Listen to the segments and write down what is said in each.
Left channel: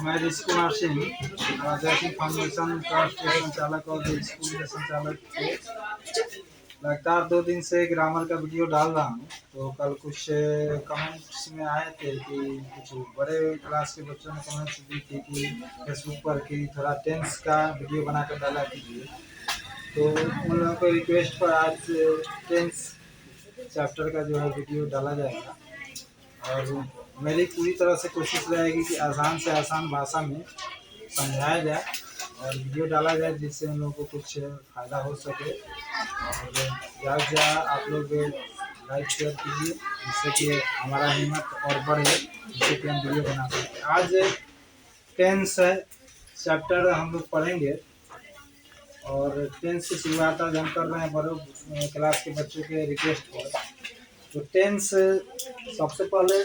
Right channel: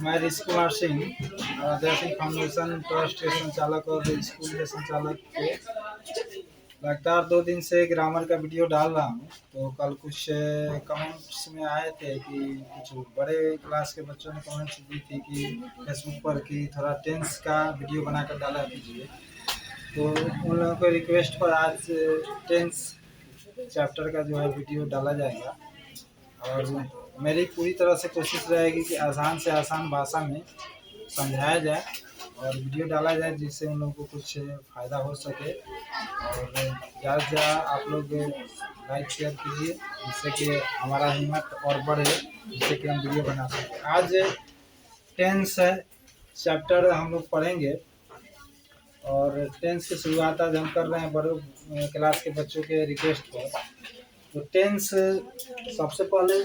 मैं ऋषि कुमार सिंह जैसे foundation trust के संचालक और स्कूल के संचालक के लगातार 2 दिन से ग्रामर का वीडियो डाल रहा हूँ। तो कल कुछ कमेंट्स में आए थे कि कुछ बड़े क्लास के बच्चों ने कमेंट्स दी थी कि फेसबुक पर कि थोड़ा टेंस का वीडियो बनाकर डाला कीजिए। तो उन लोगों के रिक्वेस्ट पर आज टेंस चैप्टर का जो है वीडियो डाला जाएगा और मेरी पूरी तरह से कोशिश रहेगी कि आसान से आसान भाषा में समझाया जाए और वीडियो डाला जाए जिससे उन लोगों को कुछ फ़ायदा हो सके। और ज़्यादा से ज़्यादा आप लोग लाइक शेयर कीजिए जिससे कि हमारा हिम्मत और बढ़े, जिससे कि हम वीडियो बना सकें। आज टेंस है चैप्टर हम लोग पढ़ेंगे और टेंस की शुरुआत आज हम कर रहे हैं बड़े क्लास के बच्चों के रिक्वेस्ट पर। तो टेंस सबसे पहले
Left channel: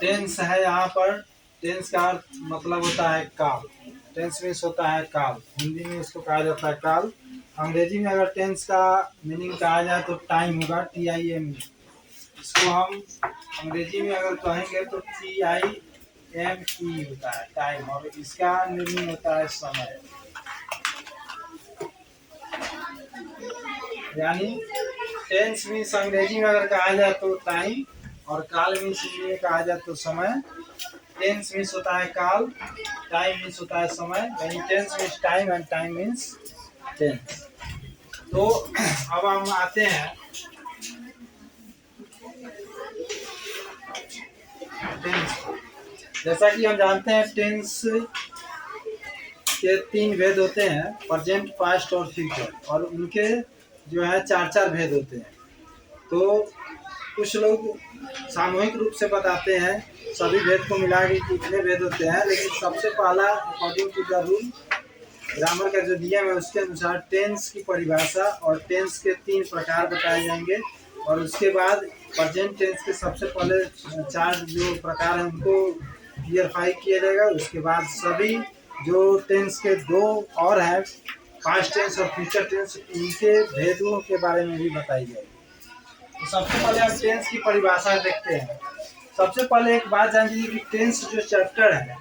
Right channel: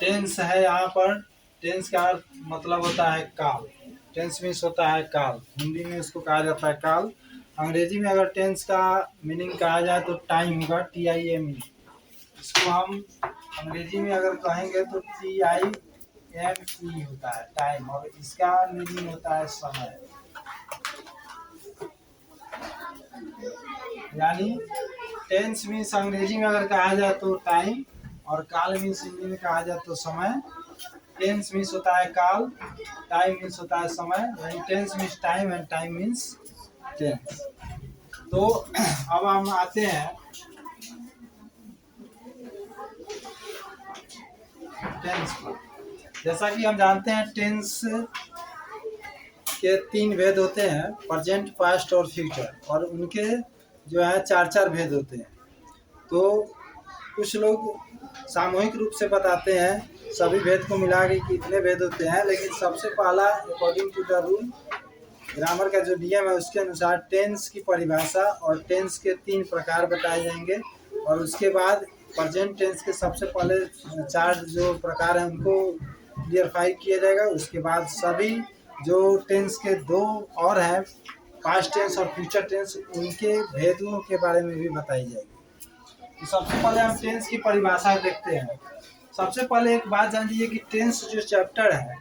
टेंस है यहाँ पर। टेंस का मतलब होता है काल। टेंस मीन्स होता है काल। हिंदी में इसको कहा जाता है काल। अंग्रेजी में अगर टेंस का मीनिंग कहा जाए तो टाइम होगा, TIME। इसको हम अंग्रेजी में अगर कहेंगे तो TIME होता है टाइम, और इसका मीनिंग होता है समय। यानी टेंस मीन्स अंग्रेजी में अगर कहा जाए तो टाइम, और काल मीन्स हिंदी में कहा जाए तो समय। टेंस मीन्स होता है काल, टाइम मीन्स होता है समय। यानी tense means time and time means tense. तो अब हम आते हैं टेंस पर। जैसा कि हम जानते हैं टेंस के 3 भेद होते हैं, प्रेजेंट, पास्ट और फ्यूचर, और उनके जो है 4-4 भेद होते हैं। तो कुछ लोग सामूहिक रूप से बताते हैं सभी भेद को मिला के कितने भेद होते हैं, लेकिन सबसे पहला according to the rule, grammar का जो नियम है उसके अनुसार टेंस की परिभाषा और टेंस के 3 प्रकार बताए जाएंगे। और उसके बाद प्रेजेंट टेंस के सबसे पहले 4 जो प्रकार हैं उनको क्लियरफाई किया जाएगा। उसके बाद सभी जो टेंस के 2 और हैं, पास्ट टेंस और फ्यूचर टेंस, उनके भेदों के बारे में भी बताई जाएगी। तो सबसे पहले हम टेंस की परिभाषा देखते हैं। सबसे पहले एक बात जान लीजिए कि टेंस जो चैप्टर है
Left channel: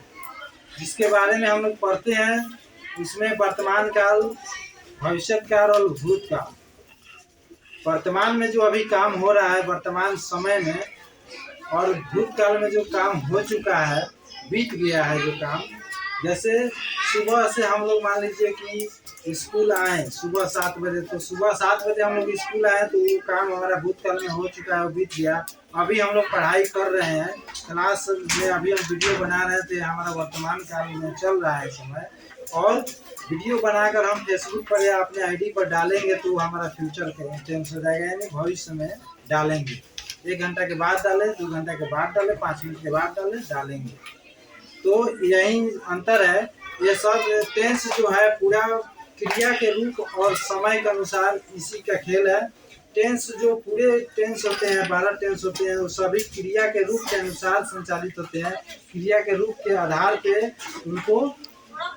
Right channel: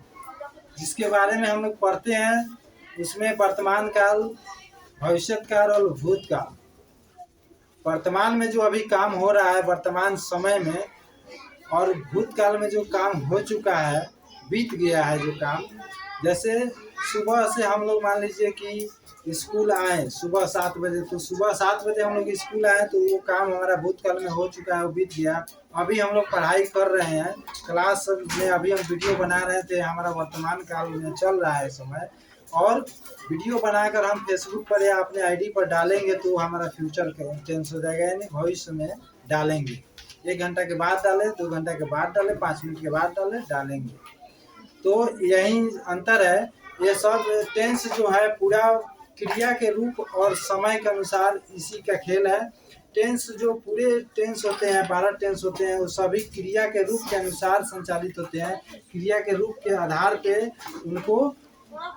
जिसके बारे में हम लोग पढ़ते हैं उसमें वर्तमान काल, भविष्य काल और भूतकाल। वर्तमान में जो अभी काम हो रहा है वर्तमान समय में, और भूतकाल में जो काम हो चुका है, बीत गया है जो काम। जैसे सुबह से हम लोग मान लीजिए कि स्कूल आए सुबह 7 बजे, तो सुबह 7 बजे हम लोग स्कूल आए तो वो काम हमारा भूतकाल में हो चुका है, वो बीत गया। अभी हम लोग पढ़ाई कर रहे हैं क्लास में, अभी हम वीडियो बना रहे थे, हमारा वर्तमान काल में चल रहा है समय। और वीडियो बनाकर हम फेसबुक पर या अपने आईडी पर डालेंगे तो हमारा फ्यूचर टेंस हो जाएगा, यानी भविष्य में डालेंगे। 1 घंटा के बाद डालें, 2 घंटा के बाद डालें, 5 मिनट के बाद डालेंगे। तो यही अंतर है। ये सब टेंस जो है पूरा क्रिया के रूप और समय के अनुसार इसी का खेल है। टेंस जो पूरे टेंस होते हैं, 12 टेंस होते हैं, वो सभी क्रिया के रूप के अनुसार संचालित होते हैं। क्रिया के रूप के आधार पे उनको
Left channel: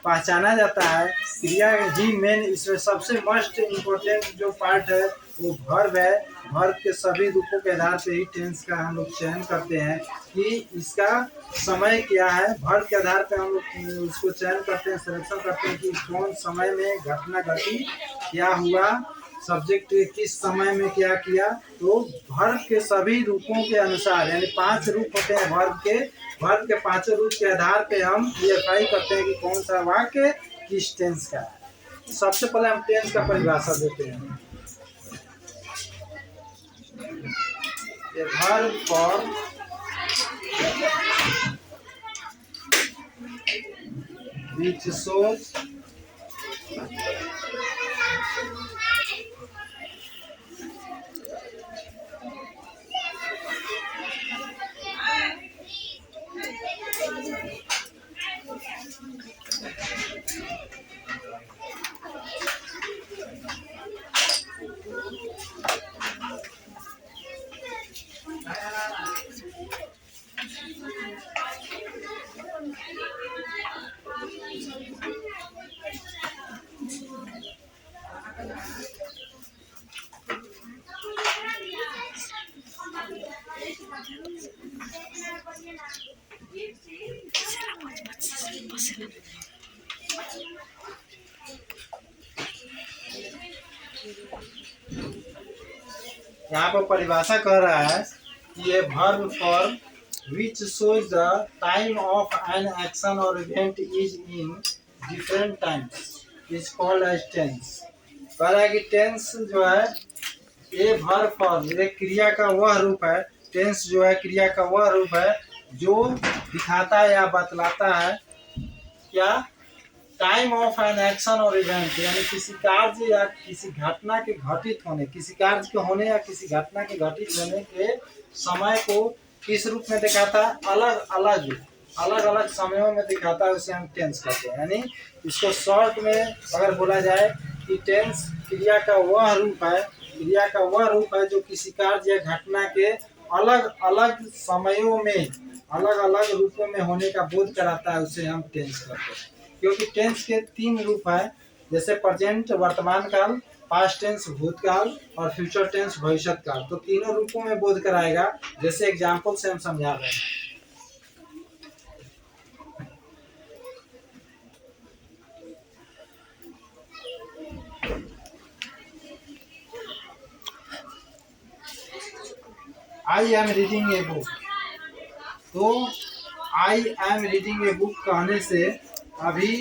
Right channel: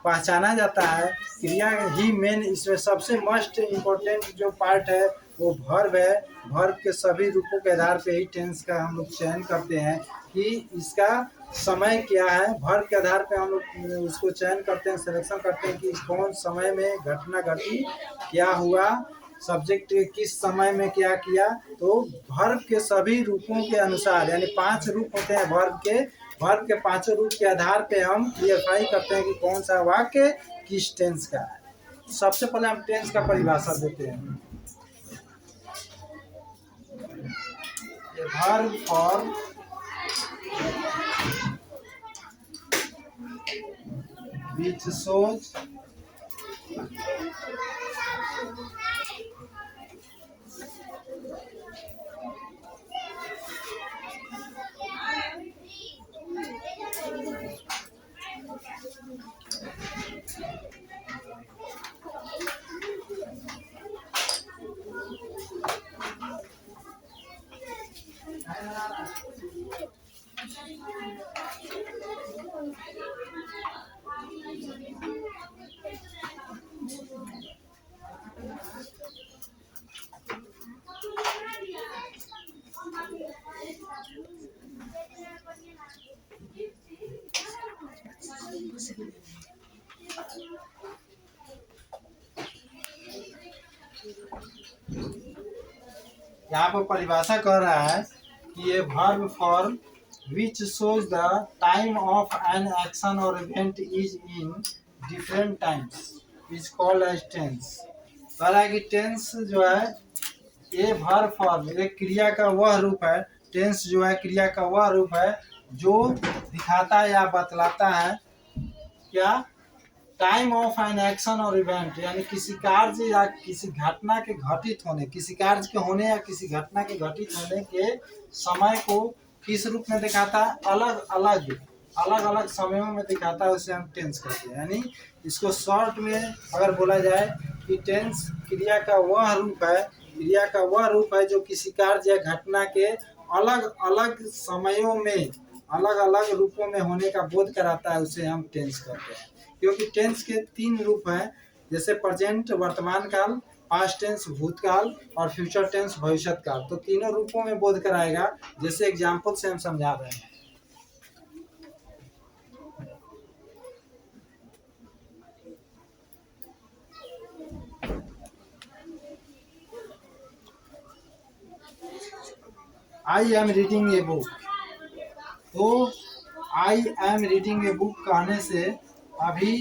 पहचाना जाता है। क्रिया ही मेन, इसमें सबसे मस्ट इम्पोर्टेंट जो पार्ट है वो वर्ब है। वर्ब के सभी रूपों के आधार पे ही टेंस का हम लोग चयन करते हैं कि इसका समय क्या है। वर्ब के आधार पे हम लोग उसको चयन करते हैं, सिलेक्शन करते हैं कि कौन समय में घटना घटी, क्या हुआ, सब्जेक्ट किस समय में क्या किया। तो वर्ब के सभी रूपों के अनुसार, यानी 5 रूप होते हैं वर्ब के, वर्ब के 5 रूप के आधार पे हम क्लियरफाई करते हैं कि कौन सा वाक्य किस टेंस का है। सबसे पहले हम टेंस का परिभाषा देते हैं। A verb form which shows यहाँ पर परिभाषा कह रहा है कि ये verb form which shows the time of an action और event is in different times is called as tense. कह रहा है कि टेंस जो है ये वर्ब फॉर्म एक क्रिया का वह रूप है। टेंस जो है क्रिया का वह रूप है जो दिखाता है या बतलाता है क्या टाइम ऑफ एन एक्शन और इवेंट, यानी किसी कार्य या किसी घटना के घटित होने, किसी कार्य के होने या किसी घटना के घटित होने के समय को किस रूप में दिखाता है, अलग अलग समयों में दिखाता है, उसे हम टेंस कहते हैं। यानी इसको शॉर्ट में अगर बोला जाए कि टेंस क्रिया का वह रूप है, क्रिया का वह रूप है जो किसी कार्य या घटना के अलग अलग समयों में अलग अलग रूपों में होने का बोध कराता है, उसे हम टेंस कहते हैं। क्योंकि टेंस के 3 रूप हैं, जैसे प्रेजेंट वर्तमान काल, पास्ट टेंस भूतकाल और फ्यूचर टेंस भविष्य काल। तो तीनों रूपों में बोध कराएगा, जैसे एग्जाम्पल से हम समझा रहे हैं। I am reading a book. तो I am reading a book कहने से अभी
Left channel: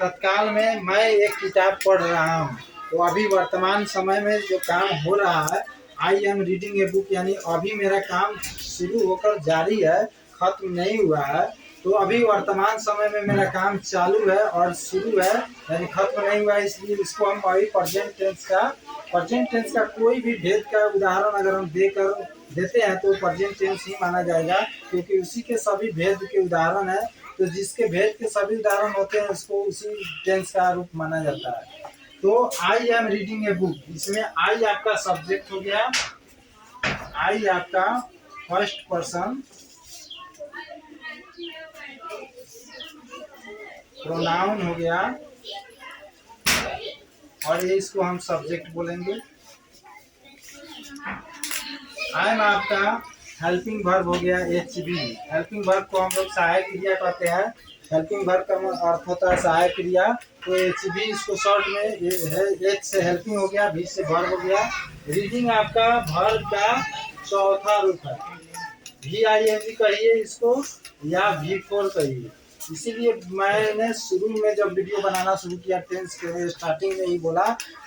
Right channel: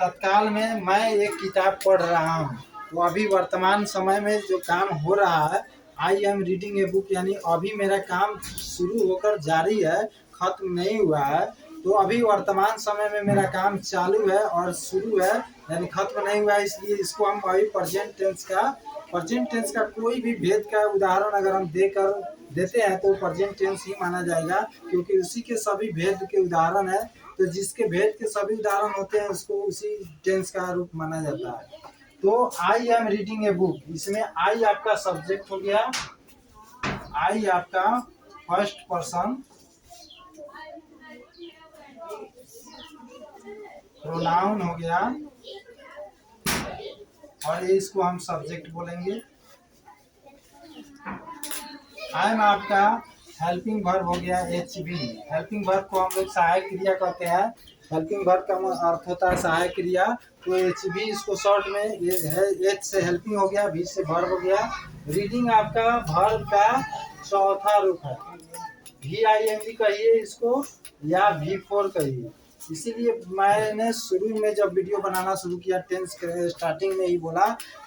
तत्काल में मैं एक किताब पढ़ रहा हूँ, तो अभी वर्तमान समय में जो काम हो रहा है आई एम रीडिंग ए बुक, यानी अभी मेरा काम शुरू होकर जारी है, खत्म नहीं हुआ है। तो अभी वर्तमान समय में मेरा काम चालू है और शुरू है, यानी खत्म नहीं हुआ है, इसलिए इसको हम अभी प्रेजेंट टेंस का कोई भी भेद का उदाहरण अगर हम देते हैं तो प्रेजेंट टेंस ही माना जाएगा, क्योंकि उसी के सभी भेद के उदाहरण है। तो जिसके भेद के सभी उदाहरण होते हैं उसको उसी टेंस का रूप माना जाता है। तो I am reading a book, इसमें आई आपका सब्जेक्ट हो गया, आई आपका फर्स्ट पर्सन प्रोनाउन हो गया, और ये इसको हम सब्जेक्ट बोलेंगे। आई एम आपका हेल्पिंग वर्ब हो गया, एच बी। हेल्पिंग वर्ब को हम लोग सहायक क्रिया कहते हैं। हेल्पिंग वर्ब का अर्थ होता है सहायक क्रिया। तो एच बी इसको शॉर्ट में ये है, एच से हेल्पिंग हो गया, बी से वर्ब हो गया। रीडिंग आपका वर्ब का चौथा रूप है, वी आई एन जी कहिए इसको या V4 कहिए। इसीलिए मैंने शुरू में जब वीडियो बनाना शुरू किया टेंस के स्टार्टिंग में ही बोला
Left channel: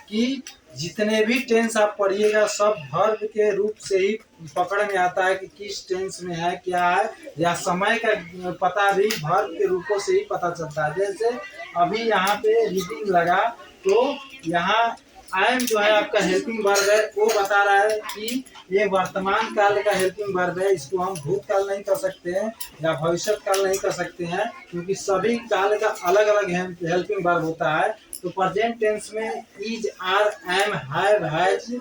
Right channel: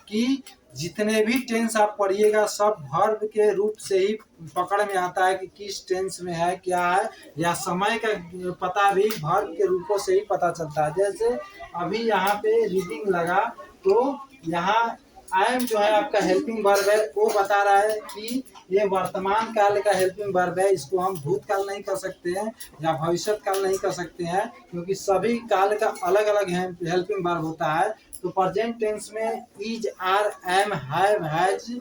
कि जितने भी टेंस आप पढ़िएगा सब वर्ब के रूप से ही पकड़ में आता है कि किस टेंस में है क्या है, या समय का पता भी वर्ब के रूपों से ही पता चलता है। जैसे अभी यहाँ पे रीडिंग लगा तो यहाँ आई एम जो है आपका हेल्पिंग वर्ब है, वो बता रहा है कि ये वर्तमान काल का हेल्पिंग वर्ब है, इसको हम भूतकाल नहीं कर सकते हैं या भविष्य काल नहीं कर सकते हैं, क्योंकि सभी काल का अलग अलग हेल्पिंग वर्ब होता है। तो प्रेजेंट टेंस में is, are, am, have, has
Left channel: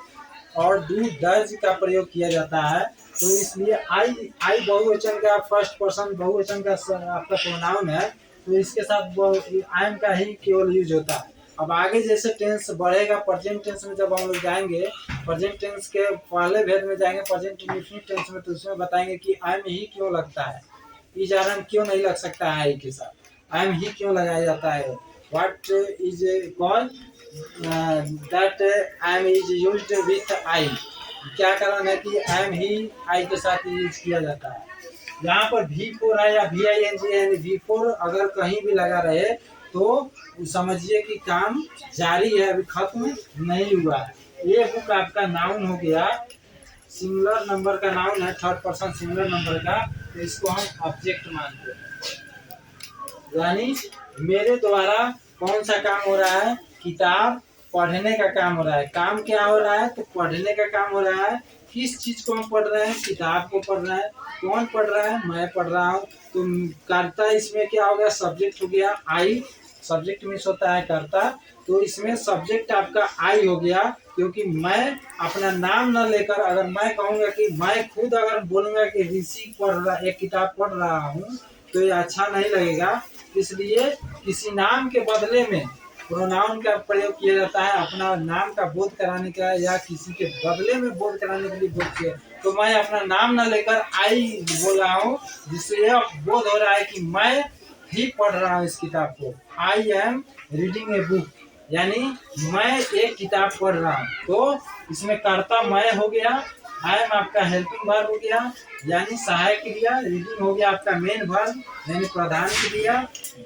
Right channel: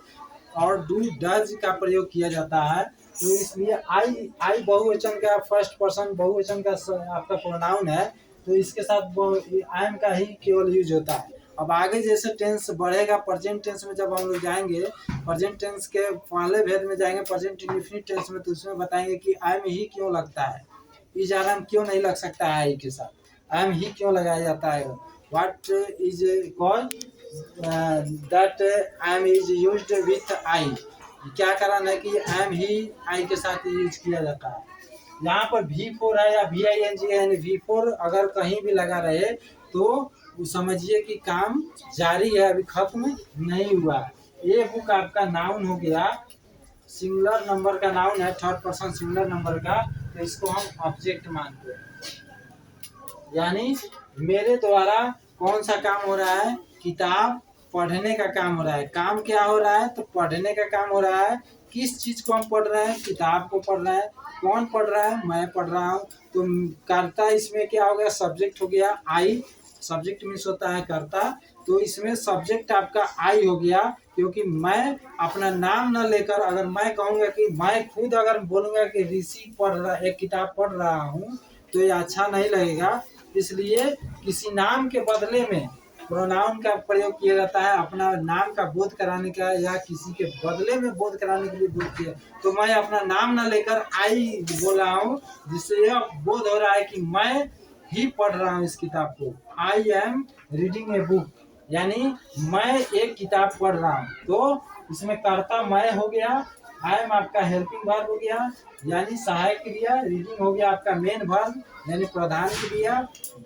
और डू, डज का प्रयोग किया जाता है। तो इसलिए आई बहुवचन का फर्स्ट पर्सन बहुवचन का आपका प्रोनाउन है, तो इसके साथ आई एम का ही केवल यूज होता है। अब आगे जैसे टेंस बढ़ेगा, प्रेजेंट टेंस में जब हम लोग जाएंगे, प्रेजेंट टेंस के पहले भेद में जाएंगे प्रेजेंट इंडेफिनिट टेंस में, तो उसमें बताएंगे कि आई एम ही क्यों लगता है, इज आर एम क्यों नहीं लग सकता है आई के साथ, आई एम ही क्यों लगाया जाता है, what is called that I am is used with I, क्या कारण है कि आई एम ही आई के साथ यूज किया जाता है। यहाँ पर V4 है या VING है, यानी V4 अगर कहीं भी लगा रहे तो समझिए कि काम जारी है, अभी खत्म नहीं हुआ है। ये बुक आपका नाउन हो गया, सिंगुलर नंबर का नाउन है, थर्ड पर्सन सिंगुलर नंबर का, तो इसको हम ऑब्जेक्ट मानते हैं। यानी मेरे द्वारा कौन सा काम हो रहा है, किताब पढ़ने का काम हो रहा है। काम क्या हो रहा है, तो पढ़ने का काम हो रहा है। किस चीज को हम पढ़ रहे हैं, किताब को पढ़ रहे हैं। कौन पढ़ रहा है, मैं पढ़ रहा हूँ। तो कर्ता इसमें क्या हो गया, सब्जेक्ट हो गया आई, सब्जेक्ट मीन्स होता है कर्ता, तो इसमें सब्जेक्ट आपका आई हो गया, क्योंकि मैं अपना नाम न लेकर अगर मैं कहूँगा कि मैं खुद अगर बोलूँगा कि ऋषि पढ़ रहा एक किताब पढ़ रहा हूँ तो ये अच्छा नहीं लगेगा। इसलिए किसी नाम के बदले में प्रोनाउन का प्रयोग किया जाता है, अपना नाम का बोध कराने का या किसी के बदले में बोध कराने के लिए बोध किया। तो मैं अपना नाम न लेकर आई बोल रहा हूँ, जिससे यह बोध हो रहा है कि मैं ही पढ़ रहा हूँ इस किताब को। आई एम रीडिंग ए बुक। यानी मैं एक किताब पढ़ रहा हूँ, तो इसमें कर्ता मैं हो गया, आई एम आपका हेल्पिंग वर्ब हो गया यानी सहायक क्रिया, रीडिंग हो गया आपका मेन वर्ब यानी प्रधान क्रिया,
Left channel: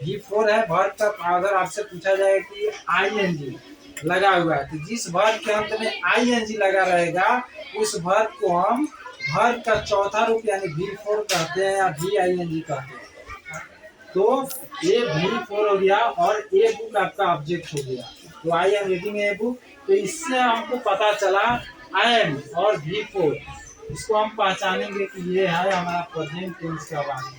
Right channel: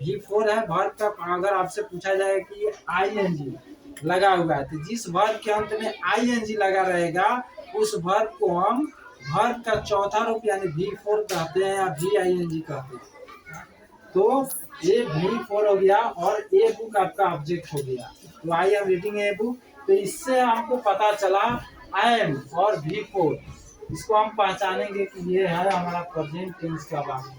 V4 है वर्ब का। अगर आपसे पूछा जाएगा कि ING लगा हुआ है, तो जिस वर्ब के अंत में ING लगा रहेगा उस वर्ब को हम वर्ब का चौथा रूप यानी V4 कहते हैं या VING कहते हैं। तो ये V4 हो गया और ए बुक आपका ऑब्जेक्ट हो गया। तो I am reading a book, तो इससे हमको पता चला आई एम और V4, इसको हम पहचानेंगे कि ये है हमारा प्रेजेंट टेंस का वाक्य।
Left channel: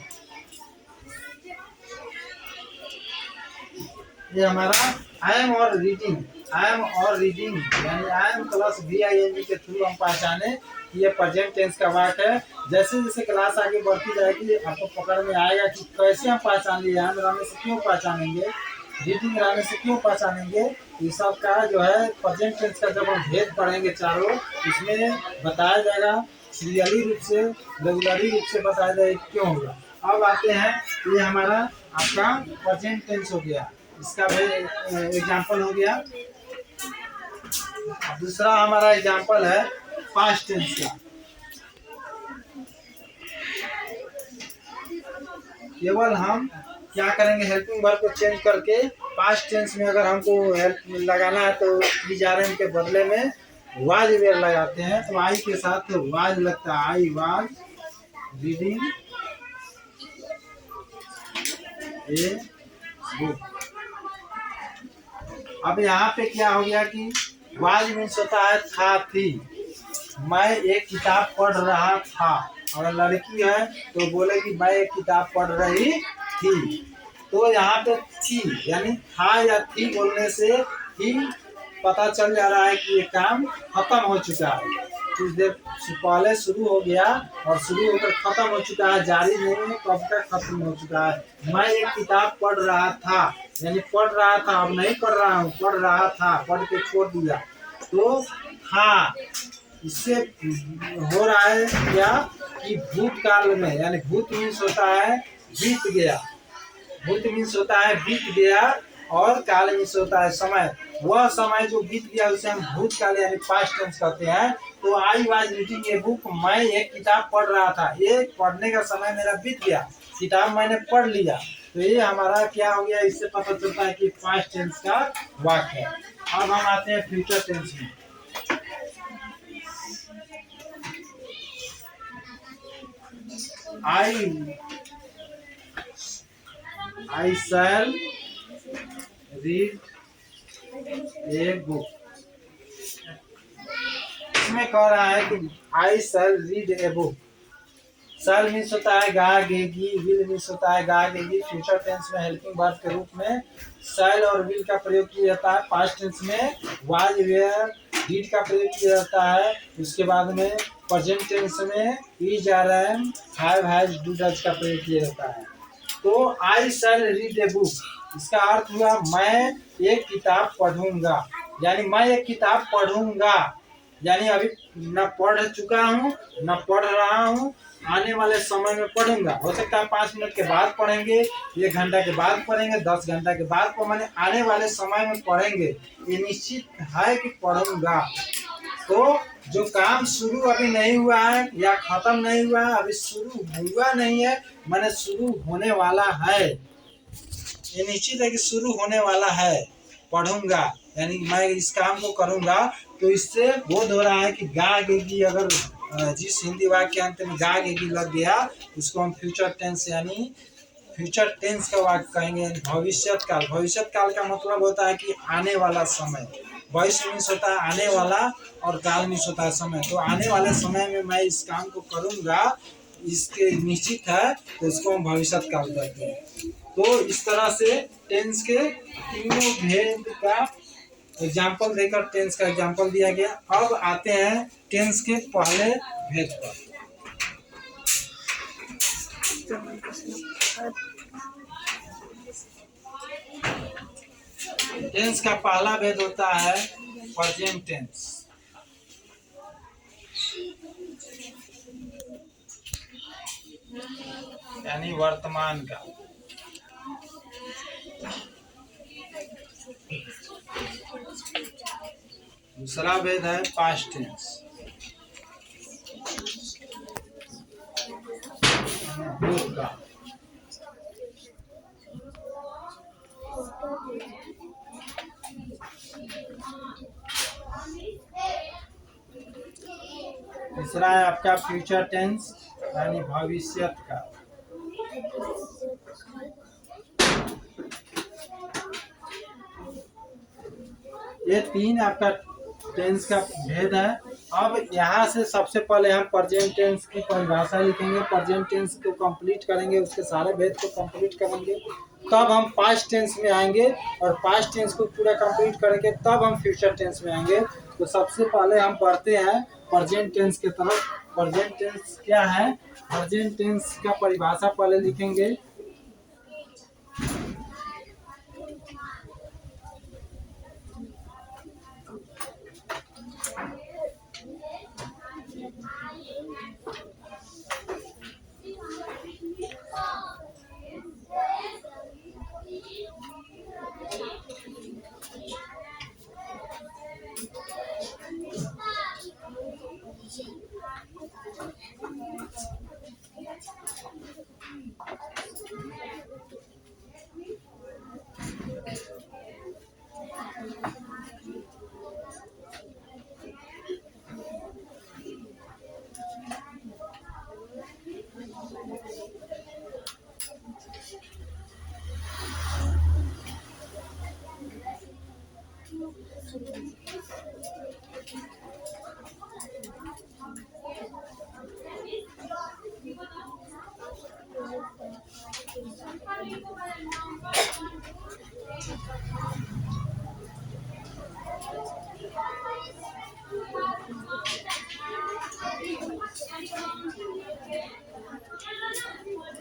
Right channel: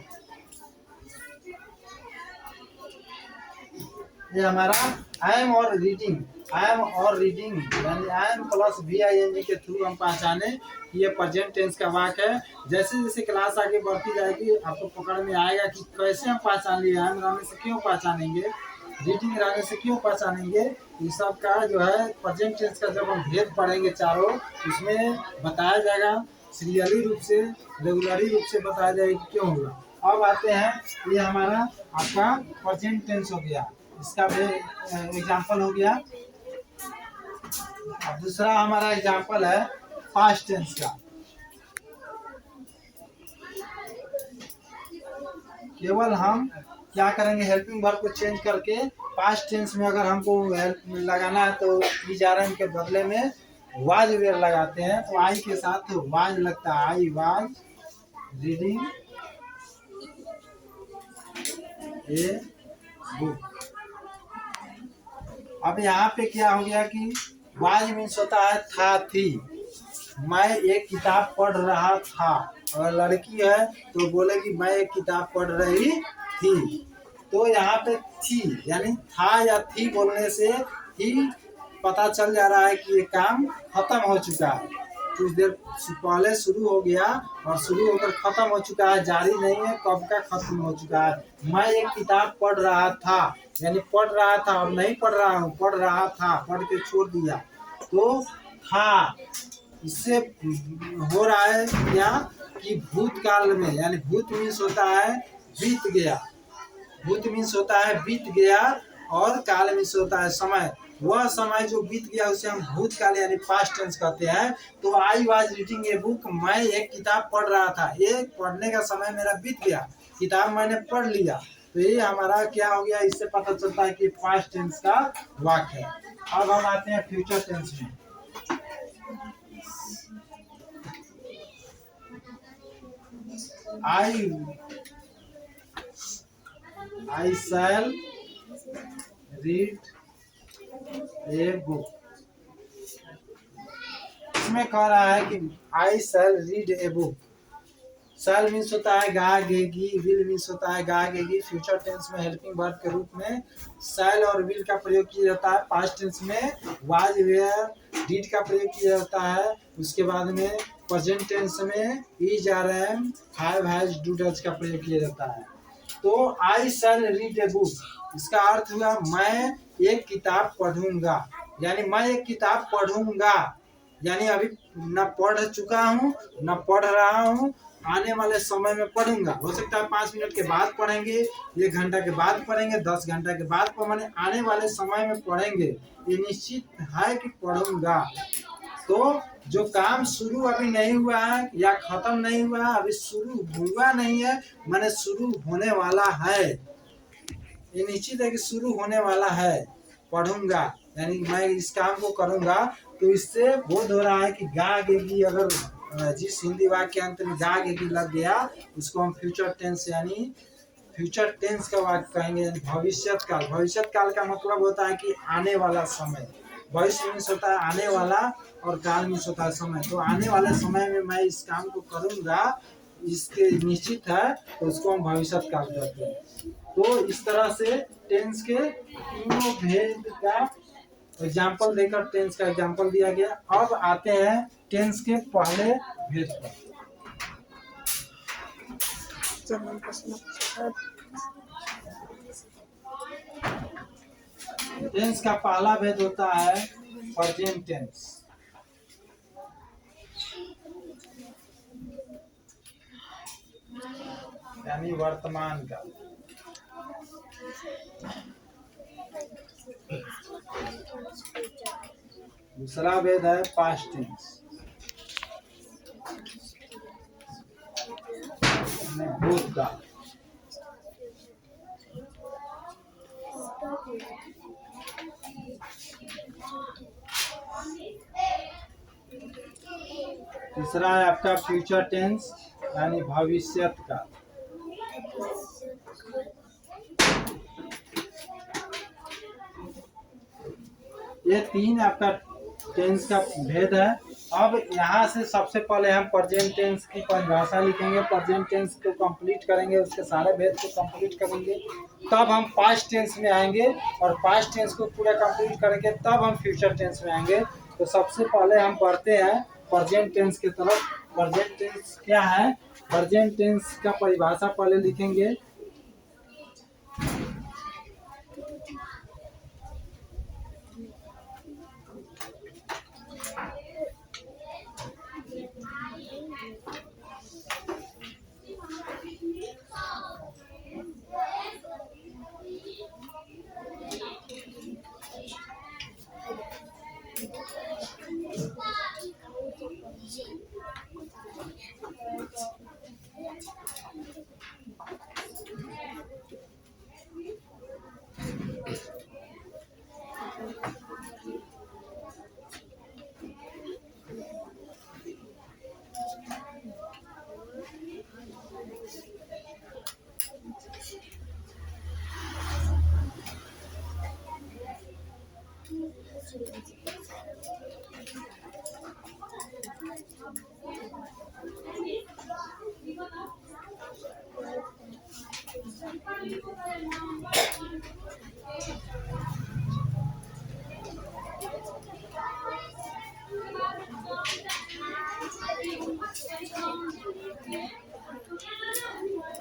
ये हमारा आई एम और रीडिंग, आई एम और रीडिंग यानी आई एम प्लस VING के थ्रू हम पहचाने कि ये प्रेजेंट टेंस का वाक्य है। जैसे जैसे क्लास आगे बढ़ती जाएगी आपको पकड़ में आएगा कि कैसे हम पहचान लिए, आई एम रहने से क्यों पहचानेंगे, रीडिंग रहने से क्यों पहचानेंगे। ये सब का जो है प्रेजेंट टेंस का जब हम भेद पढ़ेंगे चारों, इसमें बताया जाएगा सीरियली रूप से, रेगुलरी रूप से बताया जाएगा कि क्यों होगा। अब आते हैं, ये हमारा आपका प्रेजेंट टेंस हो गया, इसका भी एग्जाम्पल हो गया। दूसरा हमारा एग्जाम्पल है पास्ट टेंस का। केवल हम क्या करेंगे, हेल्पिंग वर्ब को चेंज करके पास्ट टेंस में अगर हमको हेल्प लगाना है तो इज आर एम के बदले में वाज वेयर लगाते हैं। तो आई के साथ तो वाज लगता है, I was reading a book. अब यहाँ पे क्या हो गया कि वाज मीन्स होता है था थी, मैं एक किताब पढ़ रहा था। और लड़की है तो बोलेगी मैं एक किताब पढ़ रही थी। तो यहाँ पे थी यानी था या थी बोलने से ही पता चल जा रहा है कि ये काम खत्म हो चुका है, कुछ देर पहले शुरू हो गया और शुरू होकर खत्म हो चुका है, जारी नहीं है, कब का खत्म हो चुका है। मैं एक किताब पढ़ रहा था यानी पढ़ रहा था, अब नहीं पढ़ रहा हूँ, पढ़ रहा था, पढ़ के छोड़ दिया तो था। इससे हो रहा है क्या कि भूतकाल में, यानी भूत मीन्स होता है बीत गया, भूत मीन्स होता है बीत गया और काल मीन्स होता है समय। वह समय जो बीत गया उसे हम भूतकाल यानी पास्ट टेंस कहते हैं। तो I was reading a book, मैं एक किताब पढ़ रहा था, ये पढ़ने का समय मेरा बीत गया, किताब मैंने पढ़ लिया। तो ये हमारा क्या हो गया, इससे पता चलता है कि पास्ट टेंस का वाक्य है। अब हम आते हैं फ्यूचर टेंस में। I shall read a book। इसमें कह रहा है कि I shall read a book। Shall means होता है गागेगी, विल मीन्स होता है गागेगी। फ्यूचर टेंस में हेल्पिंग वर्ब के रूप में शैल और विल का प्रयोग किया जाता है। पास्ट टेंस में वाज वेयर डिड का प्रयोग किया जाता है। उसके बाद में प्रेजेंट टेंस में is are am have has do does का प्रयोग किया जाता है। तो आई शैल रीड ए बुक, इसका अर्थ हुआ मैं एक किताब पढ़ूंगा, यानी मैं एक किताब पढ़ूंगा, यानी अभी न पढ़ चुका हूँ न पढ़ रहा हूँ, आने वाले समय में पढ़ूंगा। हो सकता है 5 मिनट के बाद पढ़ेंगे, 1 घंटा के बाद पढ़ेंगे, 10 घंटा के बाद पढ़ेंगे, आने वाले समय में पढ़ेंगे, ये निश्चित है कि पढ़ूंगा। तो जो काम शुरू अभी नहीं हुआ है या खत्म नहीं हुआ है, अभी शुरू हुआ नहीं है, मैंने शुरू होने वाला है, ये निश्चित है कि शुरू होने वाला है, पढ़ूंगा यानी मैं इस काम को करूंगा। तो इससे बोध हो रहा है कि गागेगी, अगर जिस हिंदी वाक्य के अंत में गागेगी लग गया उसको हम फ्यूचर टेंस यानी फ्यूचर टेंस का वाक्य कहेंगे। भविष्यत काल, भविष्यत काल का मतलब होता है कि आने वाला समय। भविष्य मीन्स होता है आने वाला और काल मीन्स होता है समय। तो आने वाले समय में मैं इस काम को करूंगा, इसके निश्चित है, तो इसको हम भविष्यत काल कहते हैं। तो इस तरह से टेंस के तीनों भेद का एग्जाम्पल देकर टेंस का एग्जाम्पल दिया गया। अब आते हैं टेंस के पहले भेद पर। टेंस का पहला भेद होता है प्रेजेंट टेंस, यानी वर्तमान का। दूसरा भेद है पास्ट टेंस। भूतकाल। तीसरा है आपका फ्यूचर टेंस यानी भविष्यत का। ये तीन आपका टेंस का भेद है। अब यहाँ से सबसे पहले हम प्रेजेंट टेंस की परिभाषा लिखेंगे, प्रेजेंट टेंस को कंप्लीट करेंगे, उसके सारे भेद को कंप्लीट करेंगे, तब हम पास्ट टेंस में आएंगे और पास्ट टेंस को पूरा कंप्लीट करेंगे तब हम फ्यूचर टेंस में आएंगे। तो सबसे पहले हम पढ़ते हैं प्रेजेंट टेंस की तरफ। प्रेजेंट टेंस क्या है? प्रेजेंट टेंस का परिभाषा पहले लिखेंगे।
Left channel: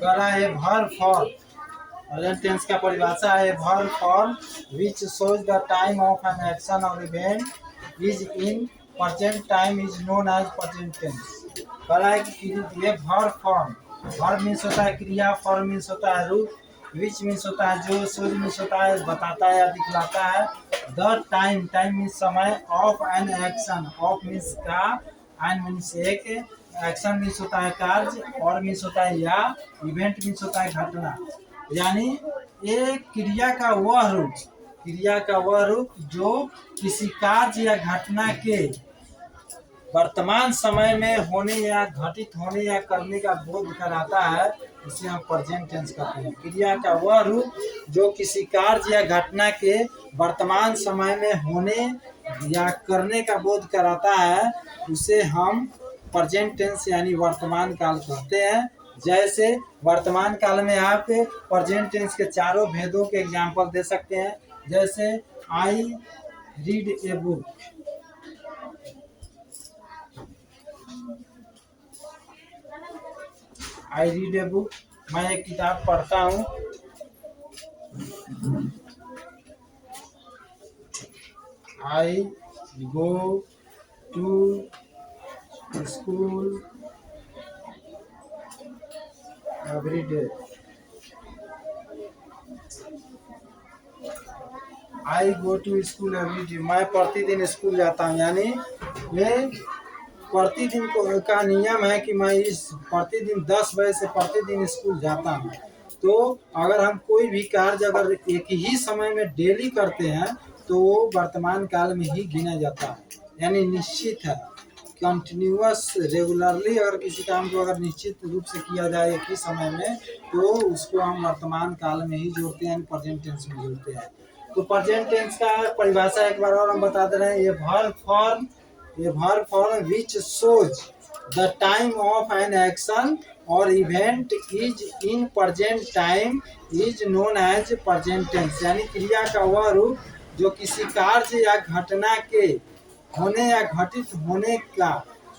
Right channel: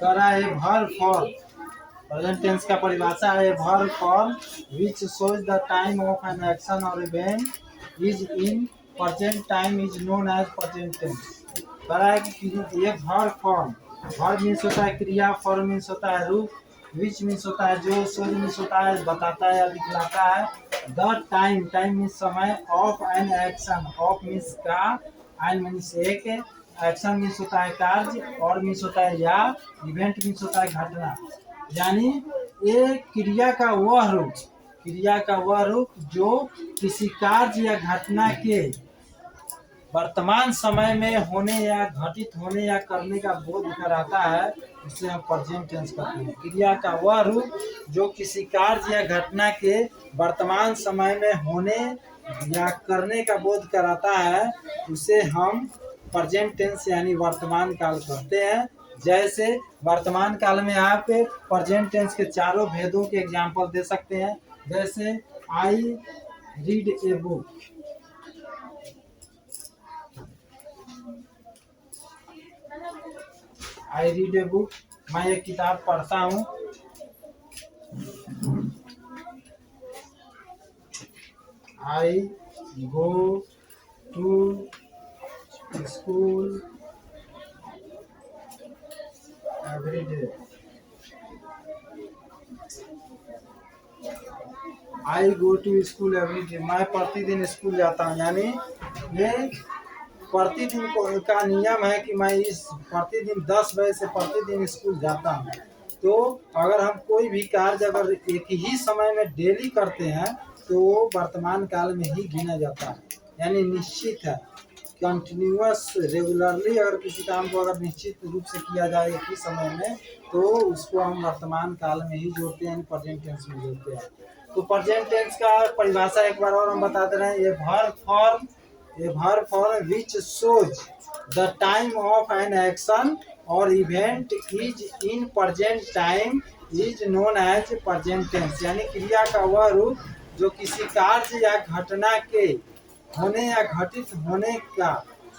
कह रहा है वर्ब फॉर्म। प्रेजेंट टेंस का परिभाषा है verb form which shows the time of an action और event is in present time is known as present tense. कह रहा है कि ये वर्ब फॉर्म, वर्ब मीन्स होता है क्रिया, फॉर्म मीन्स होता है रूप, विच मीन्स होता है जो, शोज मीन्स होता है बताता है या दिखलाता है, द टाइम, टाइम मीन्स समय, of an action, of means का, एन मीन्स एक, एक्शन मीन्स होता है कार्य, और मीन्स होता है या, इवेंट मीन्स होता है घटना। यानी एक क्रिया का वह रूप, क्रिया का वह रूप जो किसी कार्य या घटना के वर्तमान समय में होने या घटित होने या करने का बोध कराता है, उसे हम प्रेजेंट टेंस कहते हैं। क्रिया का वह रूप जो किसी कार्य या घटना के वर्तमान समय में होने या करने का बोध कराता है, उसे हम प्रेजेंट टेंस यानी वर्तमान काल कहते हैं। जैसे वर्तमान काल में आप प्रेजेंट टेंस के चारों भेदों के एग्जाम्पल दे सकते हैं। जैसे I read a book, I read a book, मैं एक किताब पढ़ता हूँ। I go to school every day, I go to school every day, मैं प्रतिदिन स्कूल जाता हूँ। यानी ये प्रतिदिन का नियम है कि मैं इस प्रतिदिन 10 बजे से प्रतिदिन स्कूल जाता हूँ। तो अगर हम कोई भी कार्य अगर एक ही समय में डेली करते हैं तो वो वर्तमान काल में ही गिना जाता है, यानी निश्चित है। कंटिन्यूअस रेगुलरली अगर किसी काम को अगर निश्चित रूप से किया जाए एक ही समय में तो उसको हम वर्तमान काल में ही जोड़ते हैं, प्रेजेंट टेंस में जोड़ते हैं। तो प्रेजेंट टेंस का परिभाषा एक बार और हम बता दे रहे हैं। ये verb form which shows the time of an action और event is in present time is known as present tense. यानी क्रिया का वह रूप जो किसी कार्य या घटना के होने या घटित होने का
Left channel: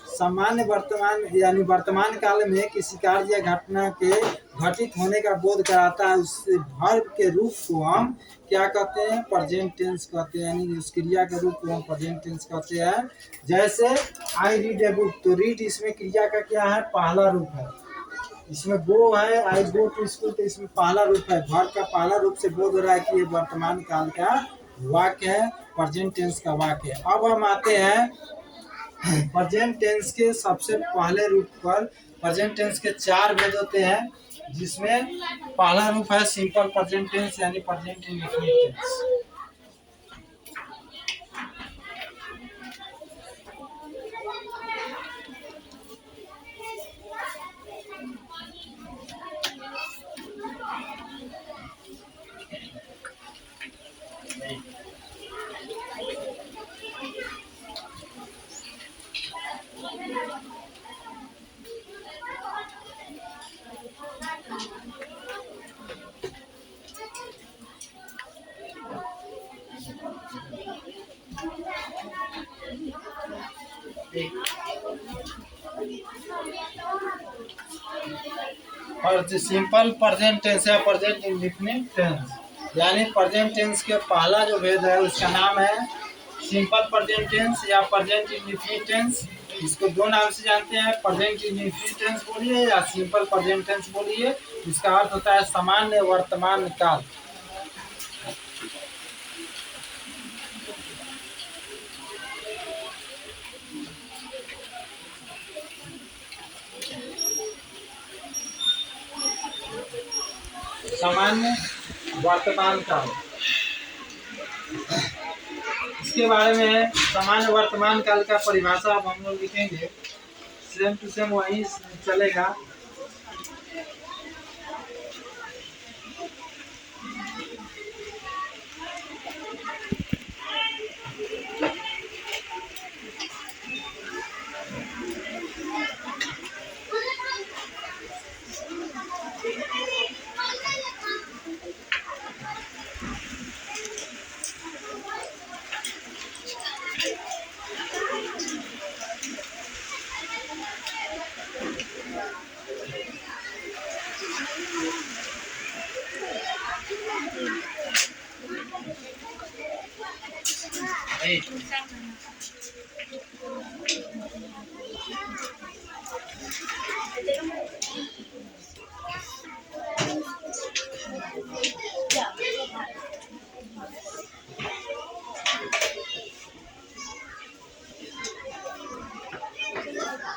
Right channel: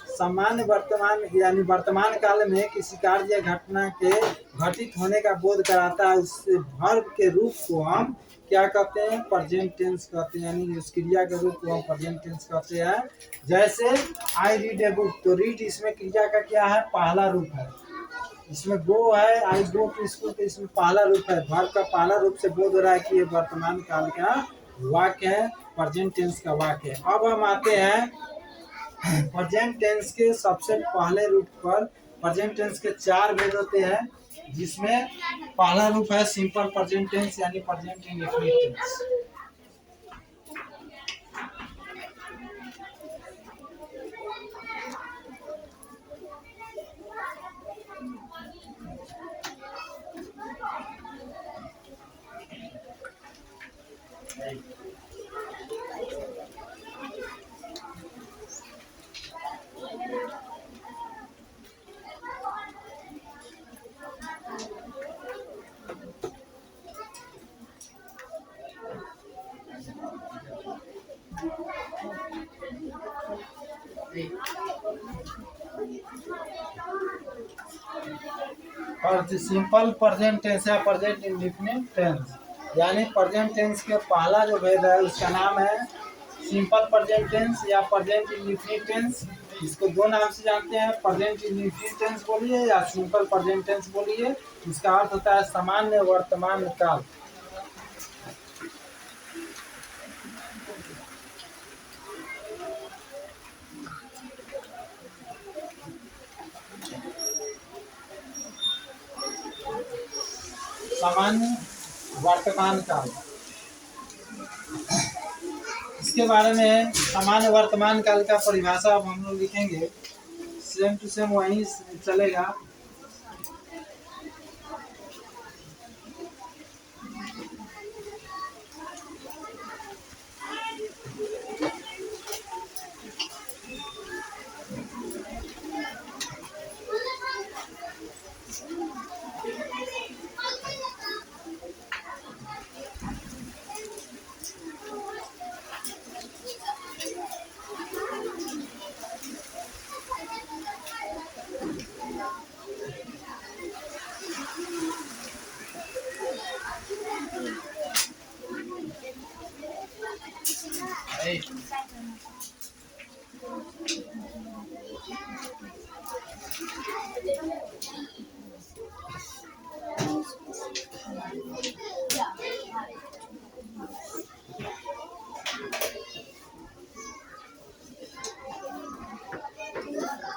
सामान्य वर्तमान यानी वर्तमान काल में किसी कार्य या घटना के घटित होने का बोध कराता है, उससे वर्ब के रूप को हम क्या कहते हैं? प्रेजेंट टेंस कहते हैं। यानी उस क्रिया के रूप को हम प्रेजेंट टेंस कहते हैं। जैसे आई रीड ए बुक, तो रीड इसमें क्रिया का क्या है? पहला रूप है। इसमें गो है, आई गो टू स्कूल, तो इसमें पहला रूप है। वर्ब का पहला रूप से बोध हो रहा है कि ये वर्तमान काल का वाक्य है। प्रेजेंट टेंस का वाक्य। अब हम आते हैं प्रेजेंट टेंस के सबसे पहले रूप पर। प्रेजेंट टेंस के 4 भेद होते हैं, जिसमें पहला रूप है सिंपल प्रेजेंट टेंस यानी प्रेजेंट इंडेफिनिट टेंस। और सिंपल प्रेजेंट टेंस या प्रेजेंट इंडेफिनिट टेंस, यानी प्रेजेंट टेंस के पहला जो भेद है उसका नाम है सिंपल प्रेजेंट टेंस या प्रेजेंट इंडेफिनिट टेंस। इसको दो नाम से जानते हैं, प्रेजेंट इंडेफिनिट टेंस बोलिए या सिंपल प्रेजेंट टेंस बोलिए। इसका अर्थ होता है सामान्य वर्तमान काल। सामान्य वर्तमान काल, इसके बारे में सामान्य वर्तमान काल का परिभाषा अब हम लोग लिखेंगे, सेम टू सेम वहीं चलेगा।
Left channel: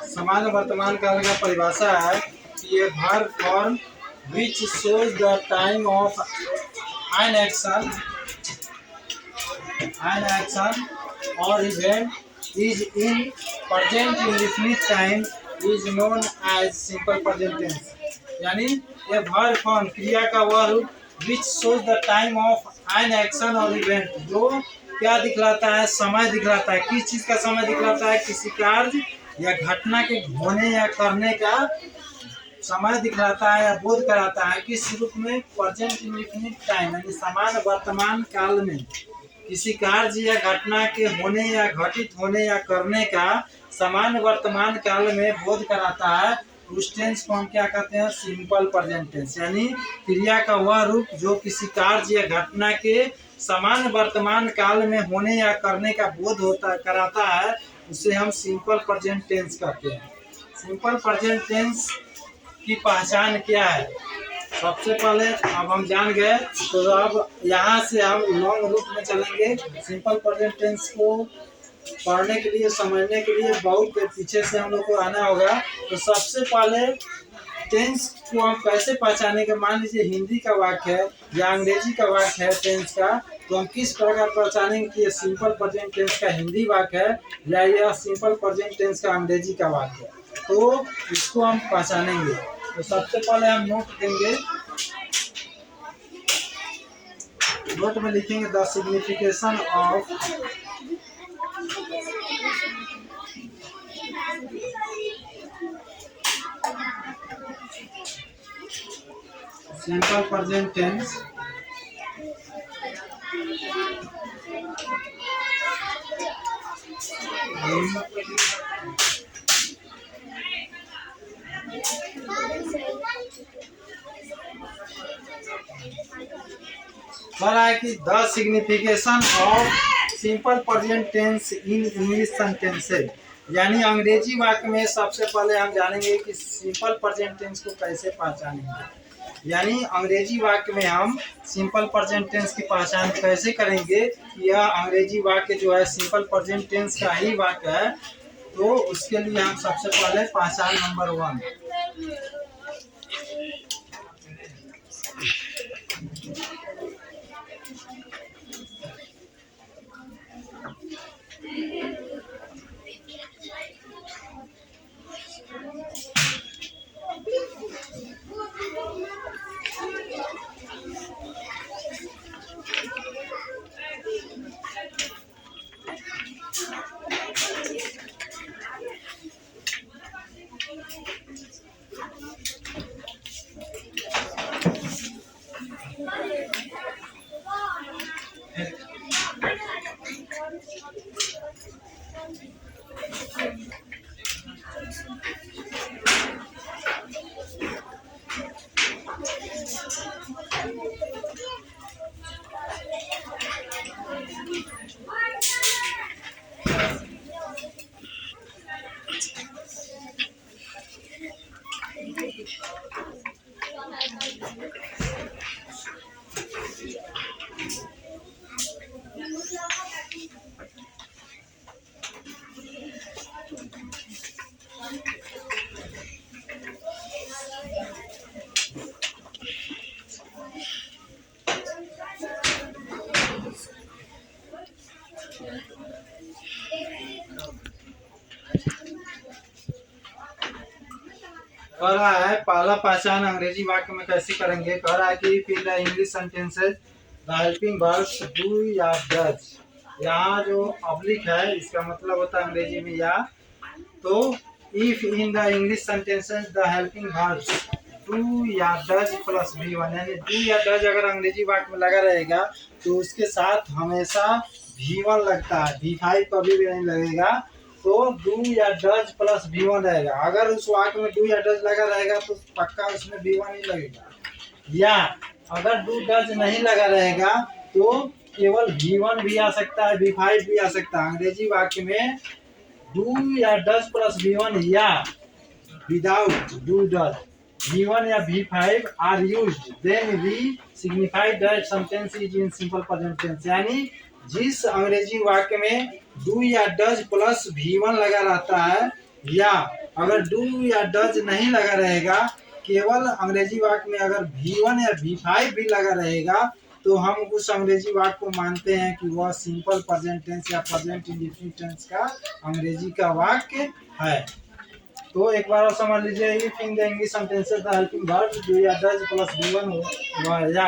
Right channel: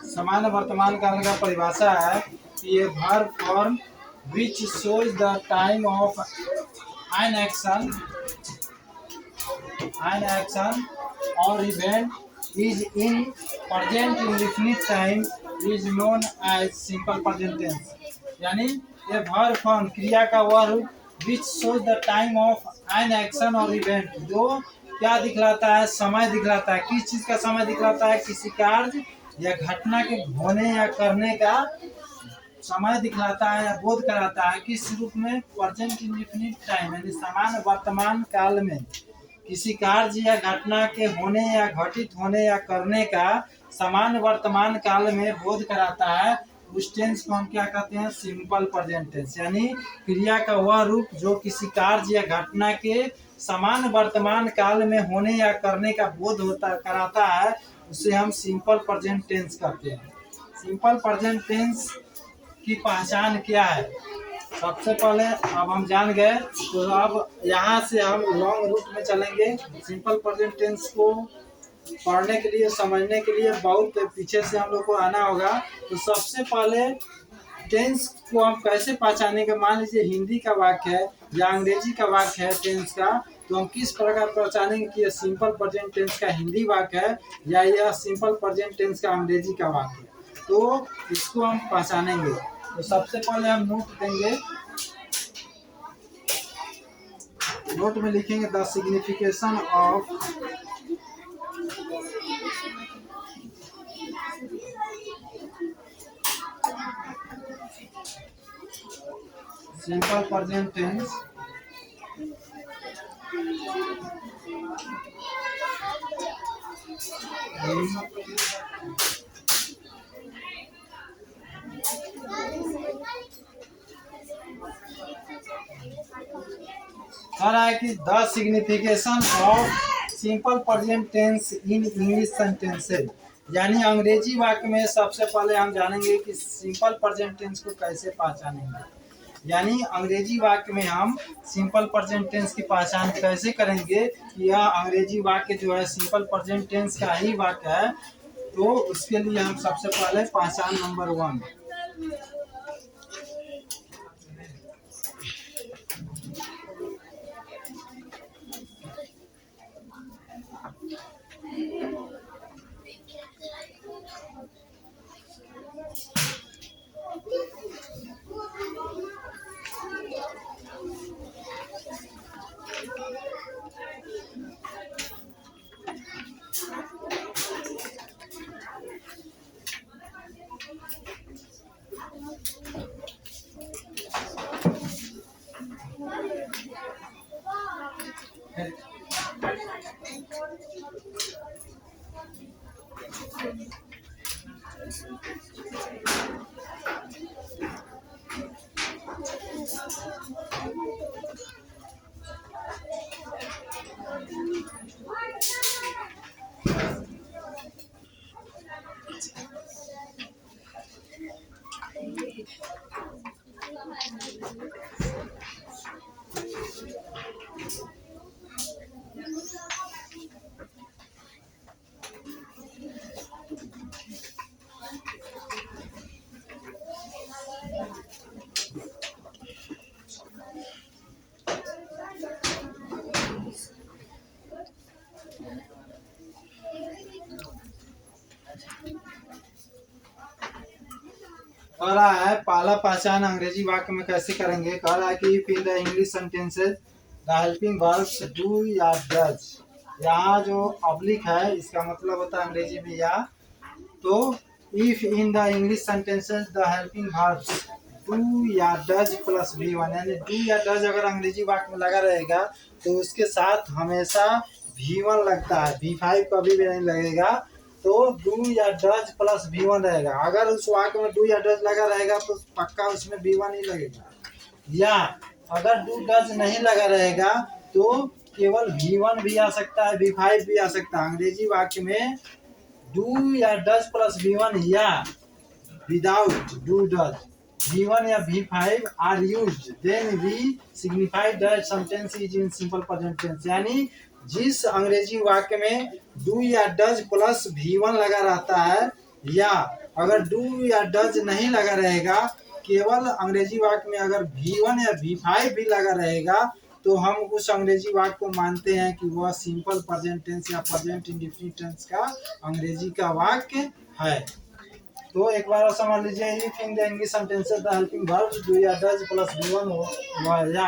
सामान्य वर्तमान काल का परिभाषा है कि ये verb form which shows the time of an action or event is in present indefinite time is known as simple present tense। यानी ये verb form क्रिया का वह रूप which shows the time of an action or event, जो क्या दिखलाता है, समय दिखलाता है। किस चीज का समय दिखलाता है, किसी कार्य या घटना के होने या करने का समय दिखलाता है या बोध कराता है। किस रूप में, प्रेजेंट इंडेफिनिट टाइम यानी सामान्य वर्तमान काल में किसी कार्य या घटना के होने या घटित होने या करने का सामान्य वर्तमान काल में बोध कराता है। उस टेंस को हम क्या कहते हैं, सिंपल प्रेजेंट टेंस। यानी क्रिया का वह रूप जो किसी कार्य या घटना के सामान्य वर्तमान काल में होने या करने का बोध कराता है, उसे हम सिंपल प्रेजेंट टेंस कहते हैं। सिंपल प्रेजेंट टेंस की पहचान क्या है, सबसे पहले अब हम जान गए, तो अब यहाँ से हम लॉन्ग रूट में चलेंगे। सिंपल प्रेजेंट टेंस को पढ़ने के लिए, समझने के लिए बहुत पीछे से हम लोग को आना होगा। तो सबसे पहले टेंस को हम कैसे पहचानेंगे, मान लीजिए हिंदी का वाक्य है या अंग्रेजी का वाक्य है टेंस का, तो हम किस प्रकार पहचानेंगे कि ये सिंपल प्रेजेंट टेंस का हिंदी वाक्य है या यह सिंपल प्रेजेंट टेंस का अंग्रेजी का वाक्य है, तो इसको हम पहचानेंगे। तो सबसे पहले हम नोट देंगे, नोट में लिखेंगे the signification of simple present tense कह रहा है कि the signification of simple present tense in English sentences, यानी अंग्रेजी वाक्य में सबसे पहले हम जानेंगे कि सिंपल प्रेजेंट टेंस को कैसे पहचानेंगे। यानी अंग्रेजी वाक्य में हम सिंपल प्रेजेंट टेंस की पहचान कैसे करेंगे कि यह अंग्रेजी वाक्य जो है सिंपल प्रेजेंट टेंस का ही वाक्य है। तो उसके लिए हम सबसे पहले पहचान नंबर 1, कह रहा है पहला पहचान अंग्रेजी वाक्य में कैसे करेंगे। कह रहा है कि इन the English sentences the helping verbs do या डज। यहाँ जो पब्लिक है इसका मतलब होता है अंग्रेजी में या। तो if in the English sentences the helping verbs do या डज प्लस V1, यानी डू या डज अगर अंग्रेजी वाक्य में लगा रहेगा तो उसके साथ हमेशा V1 लगता है, V5 कभी भी नहीं लगेगा। तो डू या डज प्लस V1 रहेगा। अगर उस वाक्य में डू या डज लगा रहेगा तो पक्का उसमें V1 ही लगेगा। या अगर डू डज नहीं लगा रहेगा तो केवल V1 भी आ सकता है, V5 भी आ सकता है। अंग्रेजी वाक्य में डू या डज प्लस V1 या विदाउट डू डज V1 या V5 are used then we signify that sentence is in simple present tense. यानी जिस अंग्रेजी वाक्य में डू या डज प्लस V1 लगा रहता है, या अगर डू या डज नहीं लगा रहेगा, केवल अंग्रेजी वाक्य में अगर V1 या V5 भी लगा रहेगा तो हम उस अंग्रेजी वाक्य को मानते हैं कि वह सिंपल प्रेजेंट टेंस या प्रेजेंट इंडेफिनिट टेंस का अंग्रेजी का वाक्य है। तो एक बार और समझ लीजिए, if in the English sentences the helping verbs do या डज प्लस V1 या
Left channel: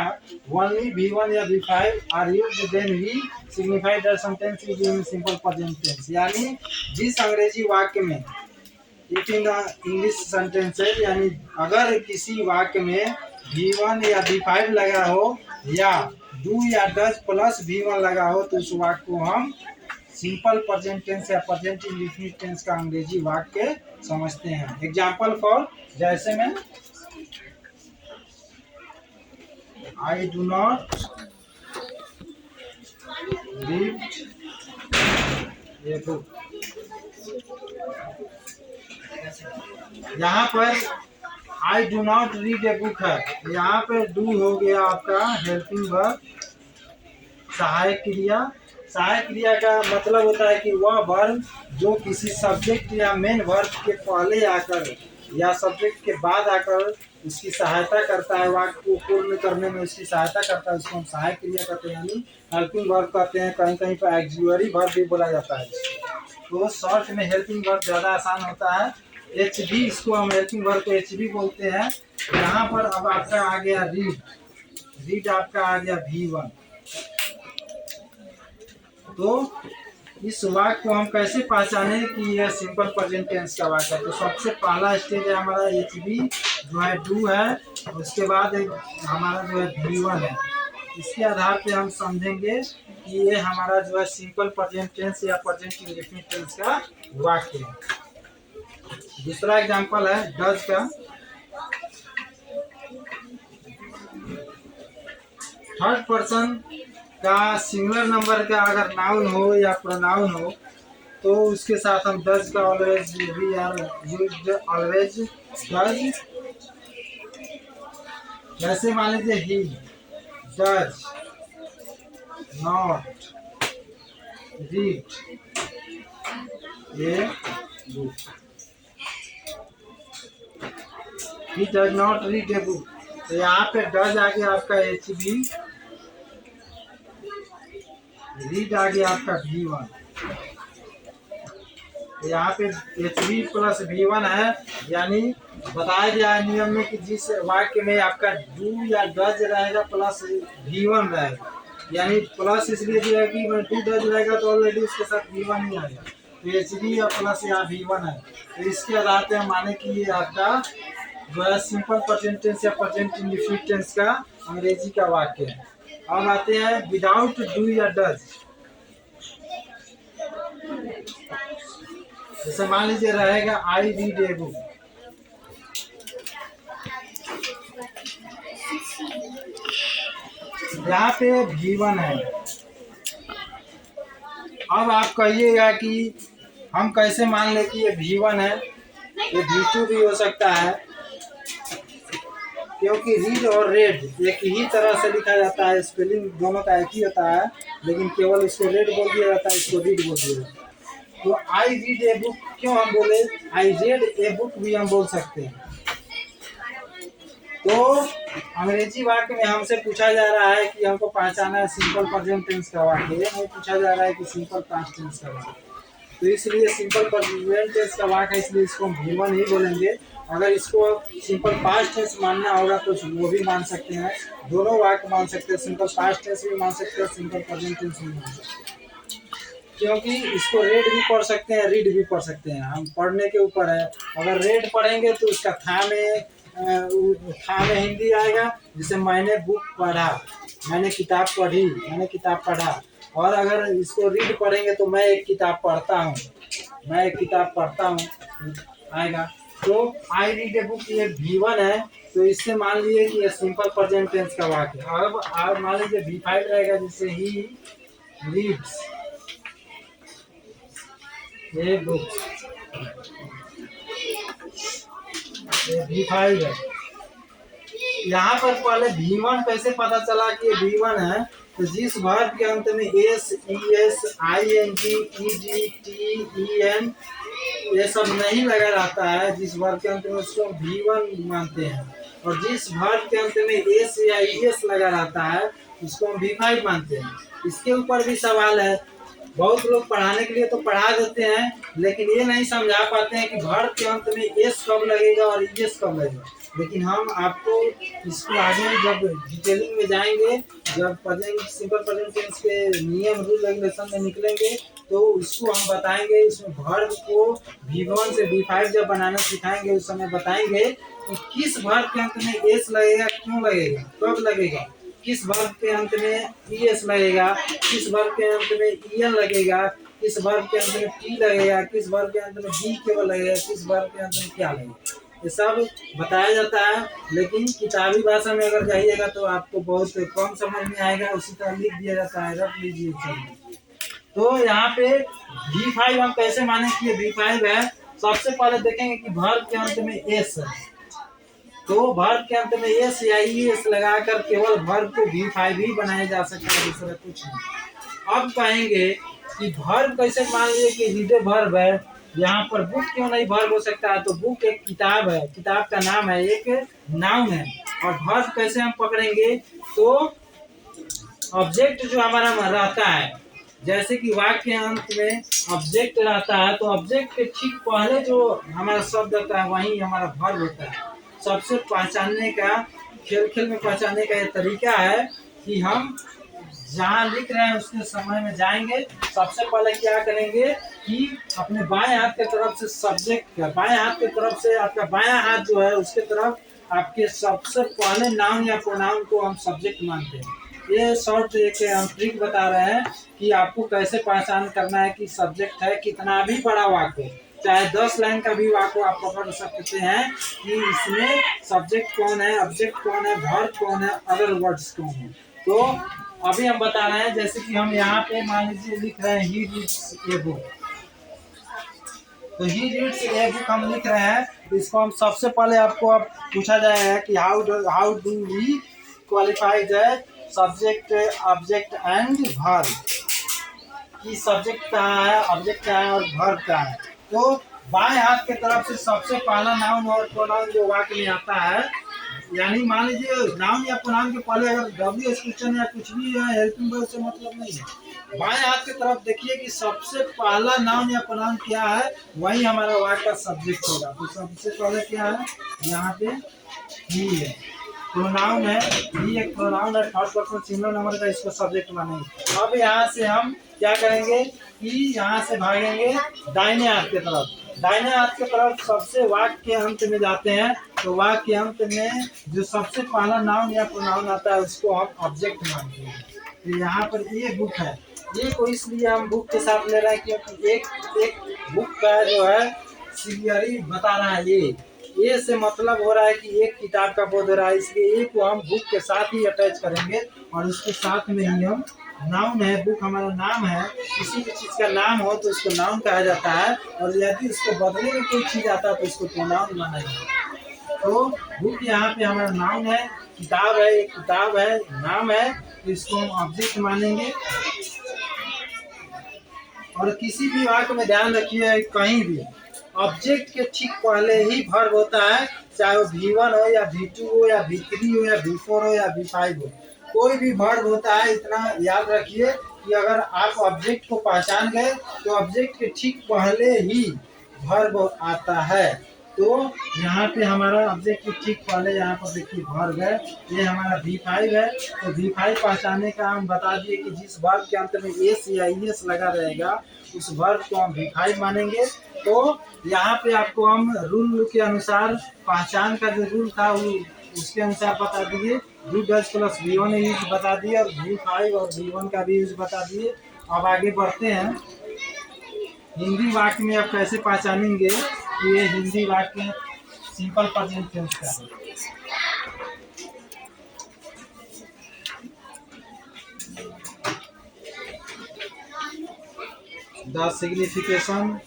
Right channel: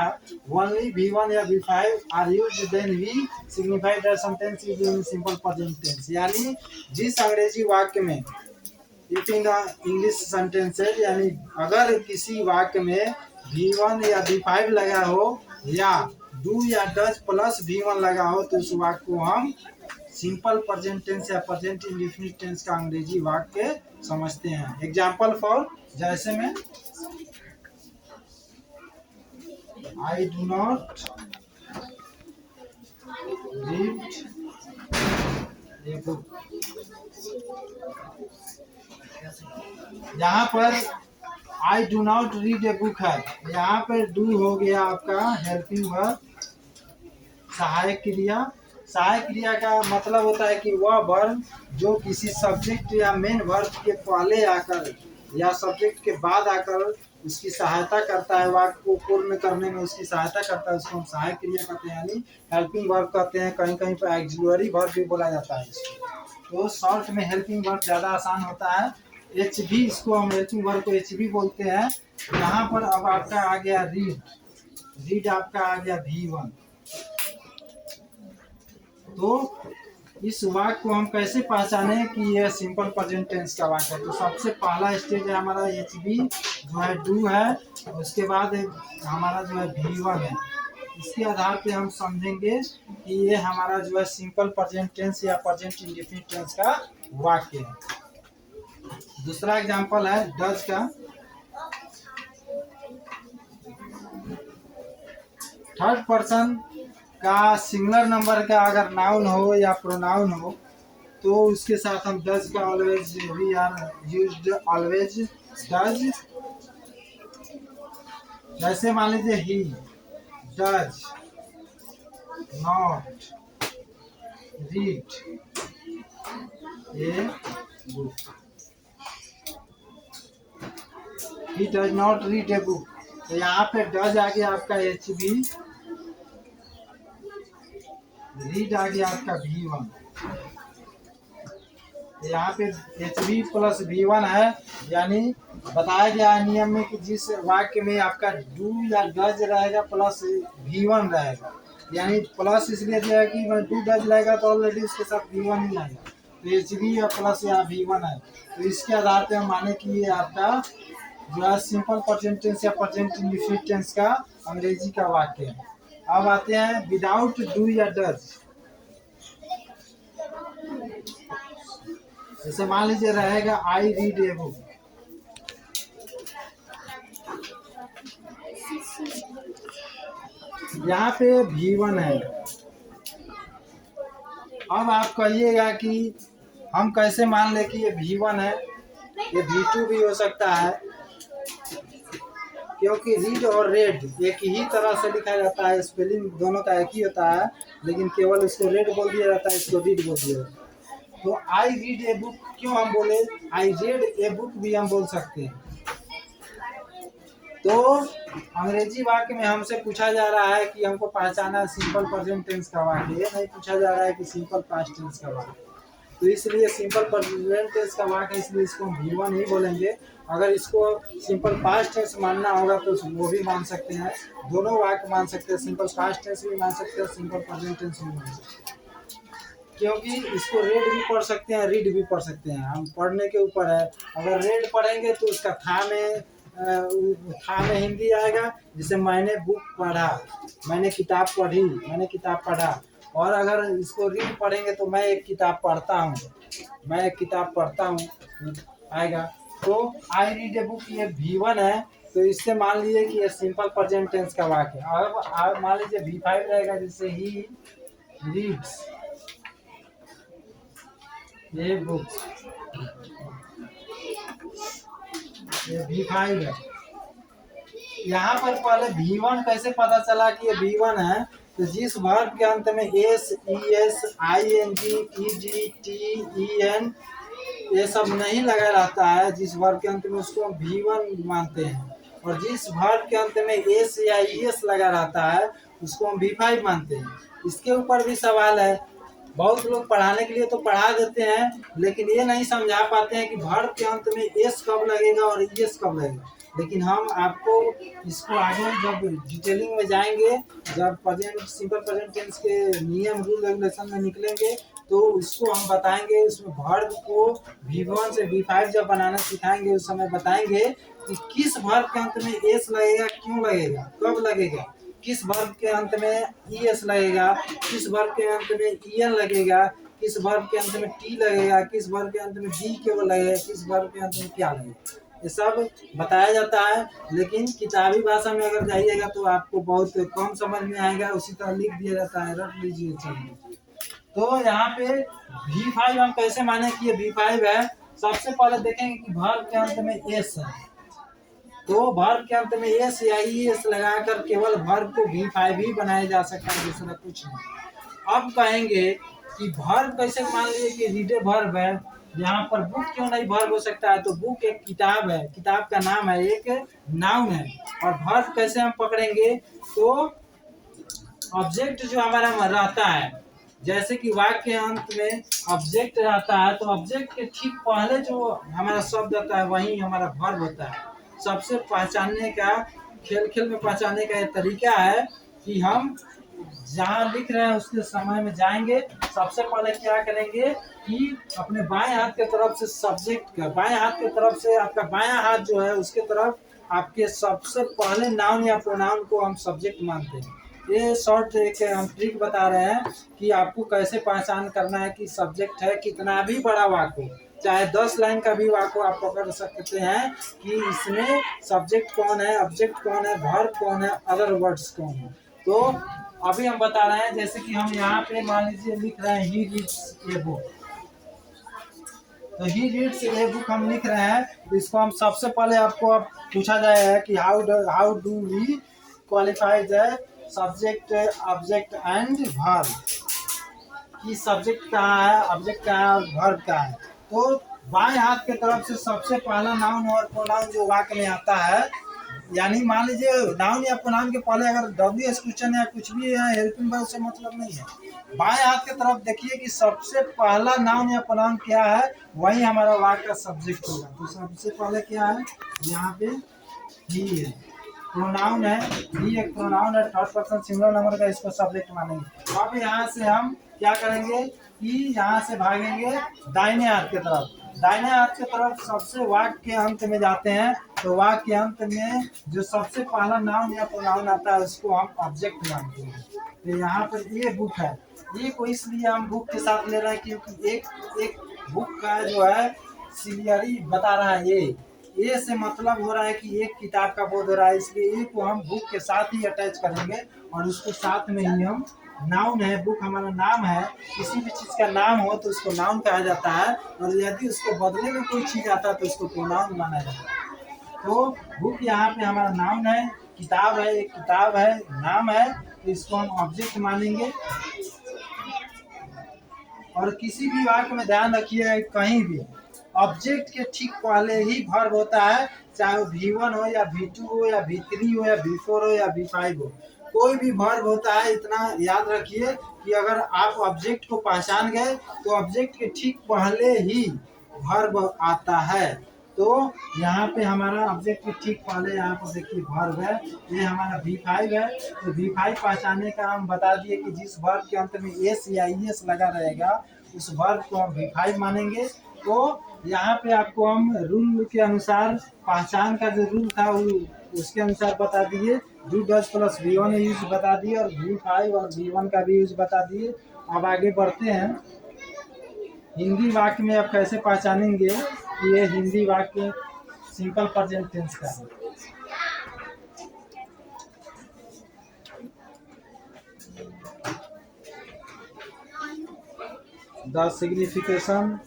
ओनली V1 या V5 are used then we signify that sentence is in simple present tense. यानी जिस अंग्रेजी वाक्य में if in the English sentences, यानी अगर किसी वाक्य में V1 या V5 लगा हो या डू या डज प्लस V1 लगा हो तो उस वाक्य को हम सिंपल प्रेजेंट टेंस या प्रेजेंट इंडेफिनिट टेंस का अंग्रेजी वाक्य समझते हैं। एग्जाम्पल फॉर, जैसे में I do not read a book. यहाँ पर I do not read a book है, यहाँ पर डू हो गया आपका हेल्पिंग वर्ब, सहायक क्रिया। सहायक क्रिया का मतलब होता है कि वह वर्ब जो किसी सब्जेक्ट या मेन वर्ब के पहले आकर या सब्जेक्ट के बाद आकर उसकी सहायता करता है, वाक्य को पूर्ण करने में उसकी सहायता करता है, उसको हम सहायक क्रिया कहते हैं, यानी हेल्पिंग वर्ब कहते हैं। कहीं कहीं पर एक्सिलरी वर्ब भी बोला जाता है। तो शॉर्ट में हेल्पिंग वर्ब ज़्यादा आसान होता है। HB, इसको हम हेल्पिंग वर्ब को HB बोलते हैं। यहाँ पर अब आपका आ गया रीड, रीड आपका आ गया V1। तो इस वाक्य को हम कैसे पहचाने कि यह सिंपल प्रेजेंट टेंस का वाक्य है। तो सबसे पहला स्टेज है हमारा HB जो है डू है, उसके बाद हमारा जो है V1 है। इसके आधार पे हम समझेंगे कि ये हमारा जो है सिंपल प्रेजेंट टेंस या प्रेजेंट इंडेफिनिट टेंस का वाक्य है। दूसरा एग्जांपल है डज का। थर्ड पर्सन का सिंगुलर नंबर का अगर नाउन हो या प्रोनाउन हो तो उसके साथ हम डज का always, we are used always does. जैसे मान लीजिए he does not read a book, he does not read a book. तो यहाँ पे डज आ गया आपका HB, रीड आ गया आपका V1। यहाँ पे HB प्लस V1 है, यानी बताया गया है नियम में कि जिस वाक्य में आपका डू या डज रहेगा प्लस V1 रहेगा, यानी प्लस इसलिए दिया है कि डू डज रहेगा तो ऑलरेडी उसके साथ V1 ही आ गया, तो HB या प्लस या V1 है। तो इसके आधार पर हम माने कि ये आपका जो है सिंपल प्रेजेंट टेंस या प्रेजेंट इंडेफिनिट टेंस का अंग्रेजी का वाक्य है। अब आते हैं विदाउट डू या डज। जैसे मान लीजिए रहेगा आई रीड ए बुक, यहाँ पे V1 है। अब आप कहिएगा कि हम कैसे मान ले कि ये V1 है, ये V2 भी हो सकता है, क्योंकि रीड और रेड एक ही तरह से लिखा जाता है, स्पेलिंग दोनों का एक ही होता है, लेकिन केवल इसको रेड बोल दिया जाता है, इसको रीड बोल दिया जाता है। तो आई रीड ए बुक क्यों हम बोले, आई रेड ए बुक भी हम बोल सकते हैं। तो अंग्रेजी वाक्य में हमसे पूछा जा रहा है कि हमको पहचाना है सिंपल प्रेजेंट टेंस का वाक्य, ये नहीं पूछा जा रहा है कि सिंपल पास्ट टेंस का वाक्य। तो इसलिए सिंपल प्रेजेंट टेंस का वाक्य है, इसलिए इसको हम V1 ही बोलेंगे। अगर इसको सिंपल पास्ट टेंस मानना होगा तो वो भी मान सकते हैं, दोनों वाक्य मान सकते हैं, सिंपल पास्ट टेंस भी मान सकते हैं, सिंपल प्रेजेंट टेंस भी मान सकते हैं, क्योंकि इसको रेड भी पढ़ सकते हैं, रीड भी पढ़ सकते हैं, हम पढ़ने के ऊपर है। अगर रेड पढ़ेंगे तो उसका था में हिंदी आएगा, जैसे मैंने बुक पढ़ा, मैंने किताब पढ़ी, मैंने किताब पढ़ा। और अगर इसको रीड पढ़ेंगे तो मैं एक किताब पढ़ता हूँ, मैं एक किताब पढ़ता हूँ आएगा। तो आई रीड ए बुक ये V1 है, तो इससे मान लीजिए कि ये सिंपल प्रेजेंट टेंस का वाक्य है। अब मान लीजिए V5 रहेगा, जैसे ही रीड्स ये बुक, ये V5 है। यहाँ पर पहले V1 कैसे पता चला कि ये V1 है, तो जिस वर्ब के अंत में S, ES, ING, ED, TEN ये सब नहीं लगा रहता है, जिस वर्ब के अंत में उसको V1 मानते हैं, और जिस वर्ब के अंत में S या ES लगा रहता है उसको हम V5 मानते हैं। इसके ऊपर भी सवाल है, बहुत लोग पढ़ाने के लिए तो पढ़ा देते हैं, लेकिन ये नहीं समझा पाते हैं कि वर्ब के अंत में एस कब लगेगा और ईएस कब लगेगा। लेकिन हम आपको इसको आगे जब डिटेलिंग में जाएंगे, जब प्रेजेंट सिंपल प्रेजेंट टेंस के नियम रूल रेगुलेशन में निकलेंगे तो उसको हम बताएंगे। उसमें वर्ब को V1 से V5 जब बनाना सिखाएंगे उस समय बताएंगे कि किस वर्ब के अंत में एस लगेगा, क्यों लगेगा, कब लगेगा, किस वर्ब के अंत में ES लगेगा, किस वर्ब के अंत में EN लगेगा, किस वर्ब के अंत में T लगेगा, किस वर्ब के अंत में D केवल लगेगा, किस वर्ब के अंत में क्या लगेगा, ये सब बताया जाता है। लेकिन किताबी भाषा में अगर जाइएगा तो आपको बहुत कम समझ में आएगा, उसी तरह लिख दिया जाता है, रख लीजिए चलिए। तो यहाँ पे V5 हम कैसे माने कि ये V5 है, सबसे पहले देखेंगे कि वर्ब के अंत में S है, तो वर्ब के अंत में एस या ES लगाकर केवल वर्ब को V5 ही बनाया जा सकता है, दूसरा कुछ नहीं। अब कहेंगे कि वर्ब कैसे मान लीजिए कि रीड वर्ब है, यहाँ पर बुक क्यों नहीं वर्ब हो सकता है, तो बुक एक किताब है, किताब का नाम है, एक नाउन है। और वर्ब कैसे हम पकड़ेंगे, तो ऑब्जेक्ट जो हमारा रहता है, जैसे कि वाक्य के अंत में ऑब्जेक्ट रहता है, तो ऑब्जेक्ट के ठीक पहले जो हमारा शब्द होता है वही हमारा वर्ब होता है। सबसे पहचानने का, खेल में पहचानने का ये तरीका है कि हम जहाँ लिख रहे हैं उसके समय में जाएंगे, सबसे पहले क्या करेंगे कि अपने बाएं हाथ के तरफ से सब्जेक्ट का, बाएं हाथ के तरफ से आपका बायां हाथ जो है उसके तरफ आपके सबसे पहले नाउन या प्रोनाउन को हम सब्जेक्ट मानते हैं। ये शॉर्ट एक ट्रिक बता रहे हैं कि आपको कैसे पहचान करना है कि सब्जेक्ट है, कितना भी बड़ा वाक्य, चाहे 10 लाइन का भी वाक्य आप पकड़ सकते हैं कि इसमें सब्जेक्ट कौन है, ऑब्जेक्ट कौन है, वर्ब कौन है, अदर वर्ड्स कौन है। तो अभी हम बता रहे हैं, जैसे कि हम यहाँ पे मान लीजिए लिख रहे हैं ही रीड्स ए बुक, तो ही रीड्स ये बुक हम लिख रहे हैं, तो इसको हम सबसे पहले आपको अब पूछा जाएगा कि how do we qualify the subject object and verb, कि सब्जेक्ट कहाँ है, ऑब्जेक्ट कहाँ है और वर्ब कहाँ है। तो बाएं हाथ की तरफ से सबसे पहला नाउन और प्रोनाउन जो वाक्य में आता है, यानी मान लीजिए नाउन या प्रोनाउन के पहले अगर डब्ल्यू क्वेश्चन या कुछ भी है हेल्पिंग वर्ब से मतलब नहीं है। बाएं हाथ की तरफ देखिए कि सबसे पहला नाउन या प्रोनाउन क्या है, वही हमारा वाक्य का सब्जेक्ट होगा। तो सबसे पहले क्या है, यहाँ पे ही है, प्रोनाउन है, ही एक प्रोनाउन है, थर्ड पर्सन सिंगुलर नंबर का, इसको सब्जेक्ट मानेंगे। अब यहाँ से हम क्या करेंगे कि यहाँ से भागेंगे दाहिने हाथ की तरफ। दाहिने हाथ की तरफ सबसे वाक्य के अंत में जाते हैं, तो वाक्य के अंत में जो सबसे पहला नाउन या प्रोनाउन आता है उसको हम ऑब्जेक्ट मानते हैं। तो यहाँ पर ये बुक है, ये को इसलिए हम बुक के साथ ले रहे हैं क्योंकि एक बुक का जो है सीरियली बता रहा है, ये से मतलब हो रहा है कि एक किताब का बोध हो रहा है, इसलिए ए को हम बुक के साथ ही अटैच करेंगे और उसके साथ में ही हम नाउन है, बुक हमारा नाम है, किसी भी चीज़ का नाम हो तो उसको नाउन कहा जाता है, और यदि उसको बदले में कोई चीज़ आता है तो उसको प्रोनाउन माना जाता है। तो बुक यहाँ पे हमारा नाउन है, किताब है, एक किताब है, नाम है, तो इसको हम ऑब्जेक्ट मानेंगे। और किसी भी वाक्य में ध्यान रखिए, कहीं भी ऑब्जेक्ट के ठीक पहले ही वर्ब होता है, चाहे वो V1 हो या V2 हो या V3 हो या V4 हो या V5 हो, कोई भी वर्ब होता है। इतना याद रखिए कि अगर आप ऑब्जेक्ट को पहचान गए तो ऑब्जेक्ट के ठीक पहले ही वर्ब आता है। तो यहाँ पे हमारा ऑब्जेक्ट के ठीक पहले यहाँ पर देखिए वर्ब है, ये हमारा V5 है। तो V5 पहचानने का हम बता दिए कि जिस वर्ब के अंत में एस या ईएस लगा रहेगा उस वर्ब को हम V5 मानेंगे। तो यहाँ पे आपको हम रूल के अनुसार पहचान का जो रूल था उसके अनुसार बता दिए, V10 प्लस V1 यूज बता दिए और V5 और V1 का भी यूज बता दिए। अब आगे बढ़ते हैं, हिंदी वाक्य में आप कैसे पहचानेंगे कि ये हिंदी वाक्य सिंपल प्रेजेंट टेंस का है। The signification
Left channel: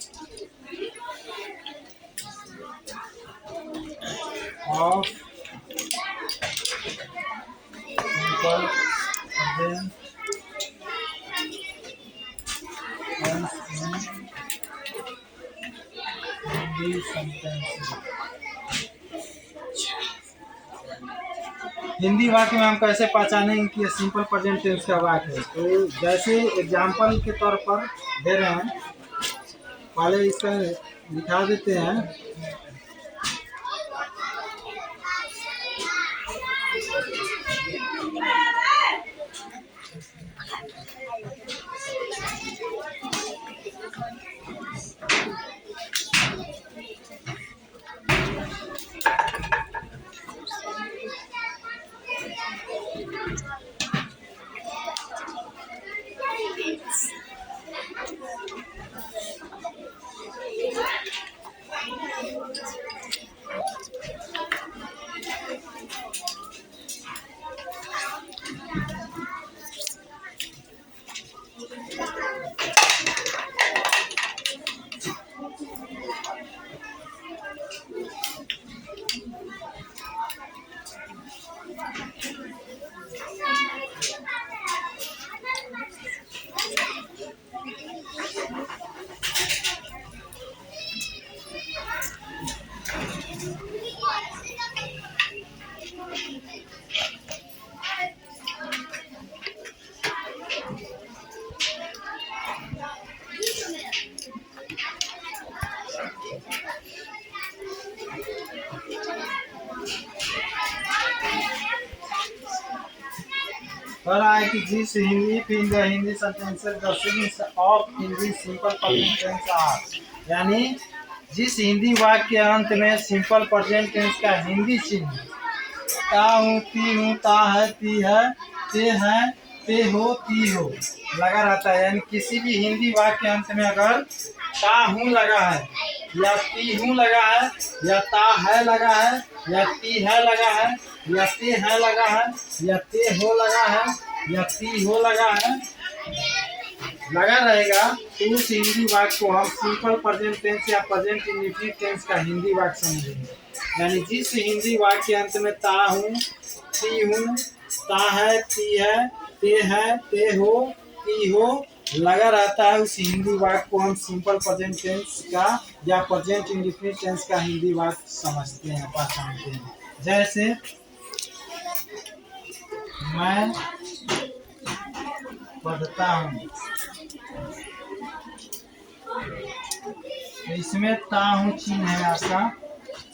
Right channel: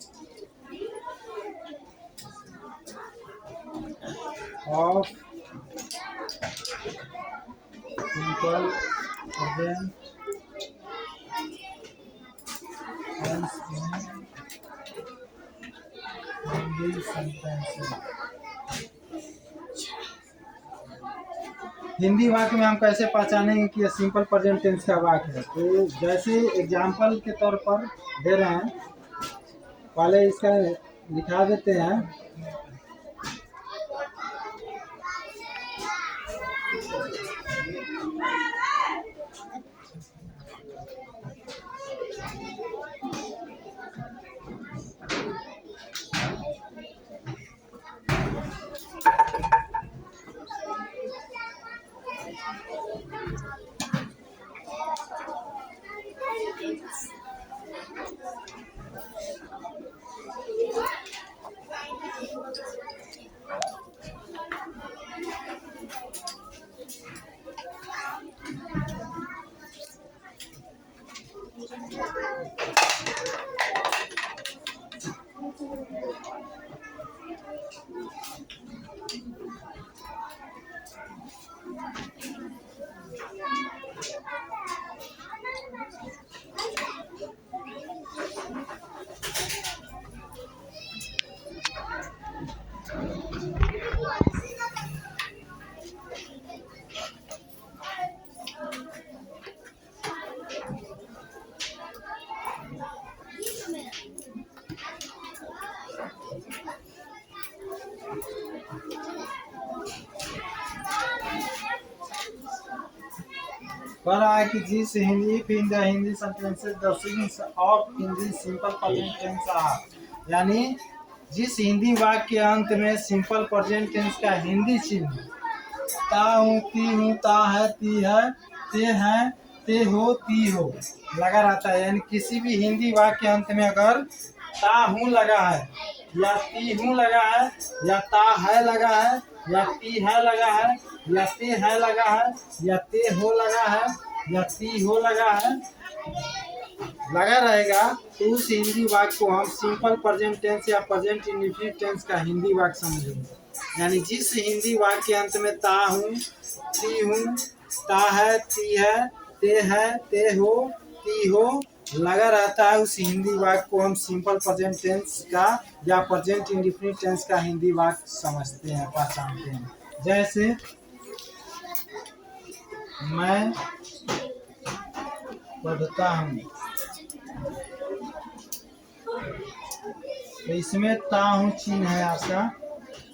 of simple present tense in Hindi sentences. Hindi वाक्य में हम कैसे पहचानेंगे कि यह सिंपल प्रेजेंट टेंस का वाक्य है। तो जैसे एग्जाम्पल के तौर पर दे रहे हैं, पहले इसका दिखा देते हैं। कह रहा है कि जिस Hindi sentences the series of Hindi simple present tense are, यानी जिस हिंदी वाक्य के अंत में सिंपल प्रेजेंट टेंस का हिंदी चिन्ह ता हूँ, ती हूँ, ता है, ती है, ते हो, ती हो लगा रहता है। यानी किसी भी हिंदी वाक्य के अंत में अगर ता हूँ लगा है या ती हूँ लगा है या ता है लगा है या ती है लगा है या ते है लगा है या ते हो लगा है या ती हो लगा है, लगा रहेगा तो उस हिंदी वाक्य को हम सिंपल प्रेजेंट टेंस या प्रेजेंट इंडेफिनिट टेंस का हिंदी वाक्य समझेंगे। यानी जिस हिंदी वाक्य के अंत में ता हूँ, ती हूँ, ता है, ती है, ते हो, ती हो लगा रहता है, उस हिंदी वाक्य को हम सिंपल प्रेजेंट टेंस का या प्रेजेंट इंडेफिनिट टेंस का हिंदी वाक्य समझते हैं, पहचानते हैं। जैसे मैं पढ़ता हूँ, तो इसमें ता हूँ चिन्ह है आपका।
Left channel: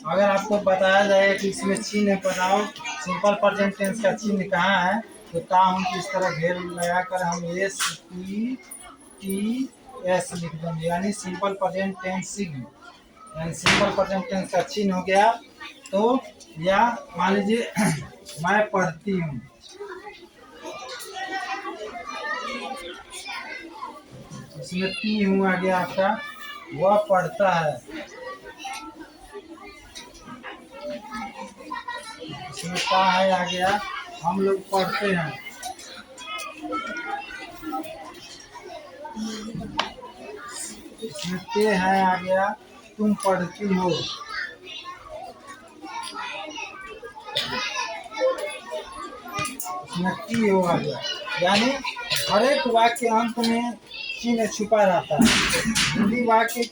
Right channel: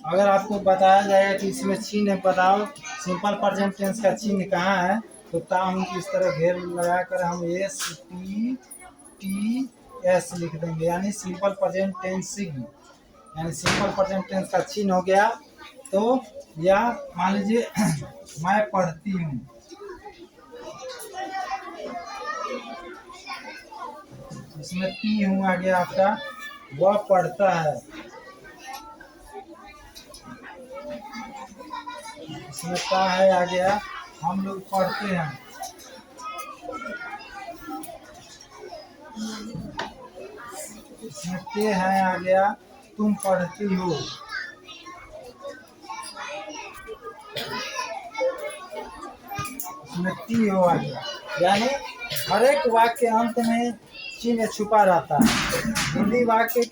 अगर आपको बताया जाएगा कि इसमें चिन्ह है, बताओ सिंपल प्रेजेंट टेंस का चिन्ह कहाँ है, तो ता हूँ की इस तरह घेर लगा कर हम एस पी टी एस लिख देंगे, यानी सिंपल प्रेजेंट टेंस, यानी सिंपल प्रेजेंट टेंस का चिन्ह हो गया। तो या मान लीजिए मैं पढ़ती हूँ, इसमें ती हूँ आ गया आपका, वह पढ़ता है, इसमें ता है आ गया, हम लोग पढ़ते हैं, इसमें ते है आ गया, तुम पढ़ती हो, इसमें ती हो आ गया। यानी हर एक वाक्य के अंत में चिन्ह छुपा रहता है। हिंदी वाक्य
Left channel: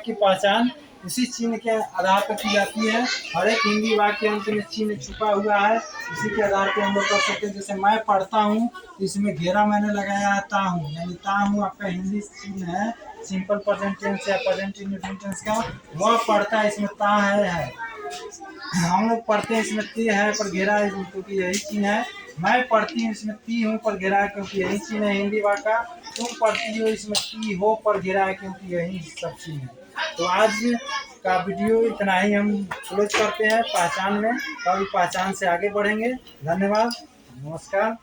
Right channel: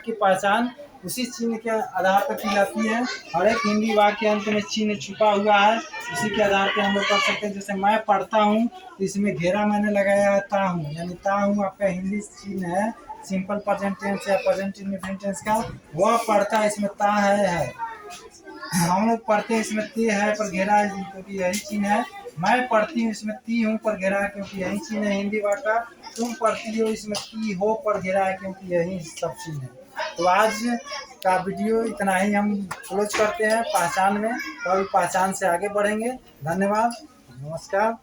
की पहचान उसी चिन्ह के आधार पर की जाती है। हर एक हिंदी वाक्य के अंत में चिन्ह छुपा हुआ है, उसी के आधार पर हम लोग कर सकते हैं। जैसे मैं पढ़ता हूँ, तो इसमें घेरा मैंने लगाया है ता हूँ, यानी ता हूँ आपका हिंदी चिन्ह है सिंपल प्रेजेंट टेंस या प्रेजेंट इंडेफिनिट टेंस का। वह पढ़ता है, इसमें ता है। हम लोग पढ़ते हैं, इसमें ती है पर घेरा है क्योंकि यही चिन्ह है। मैं पढ़ती हूँ, इसमें ती हूँ पर घेरा है क्योंकि यही चिन्ह है हिंदी वाक्य का। तुम पढ़ती हो, इसमें ती हो पर घेरा है क्योंकि यही सब चिन्ह है। तो आज का वीडियो इतना ही हम क्लोज करते हैं पहचान में, कभी पहचान से आगे बढ़ेंगे। धन्यवाद, नमस्कार।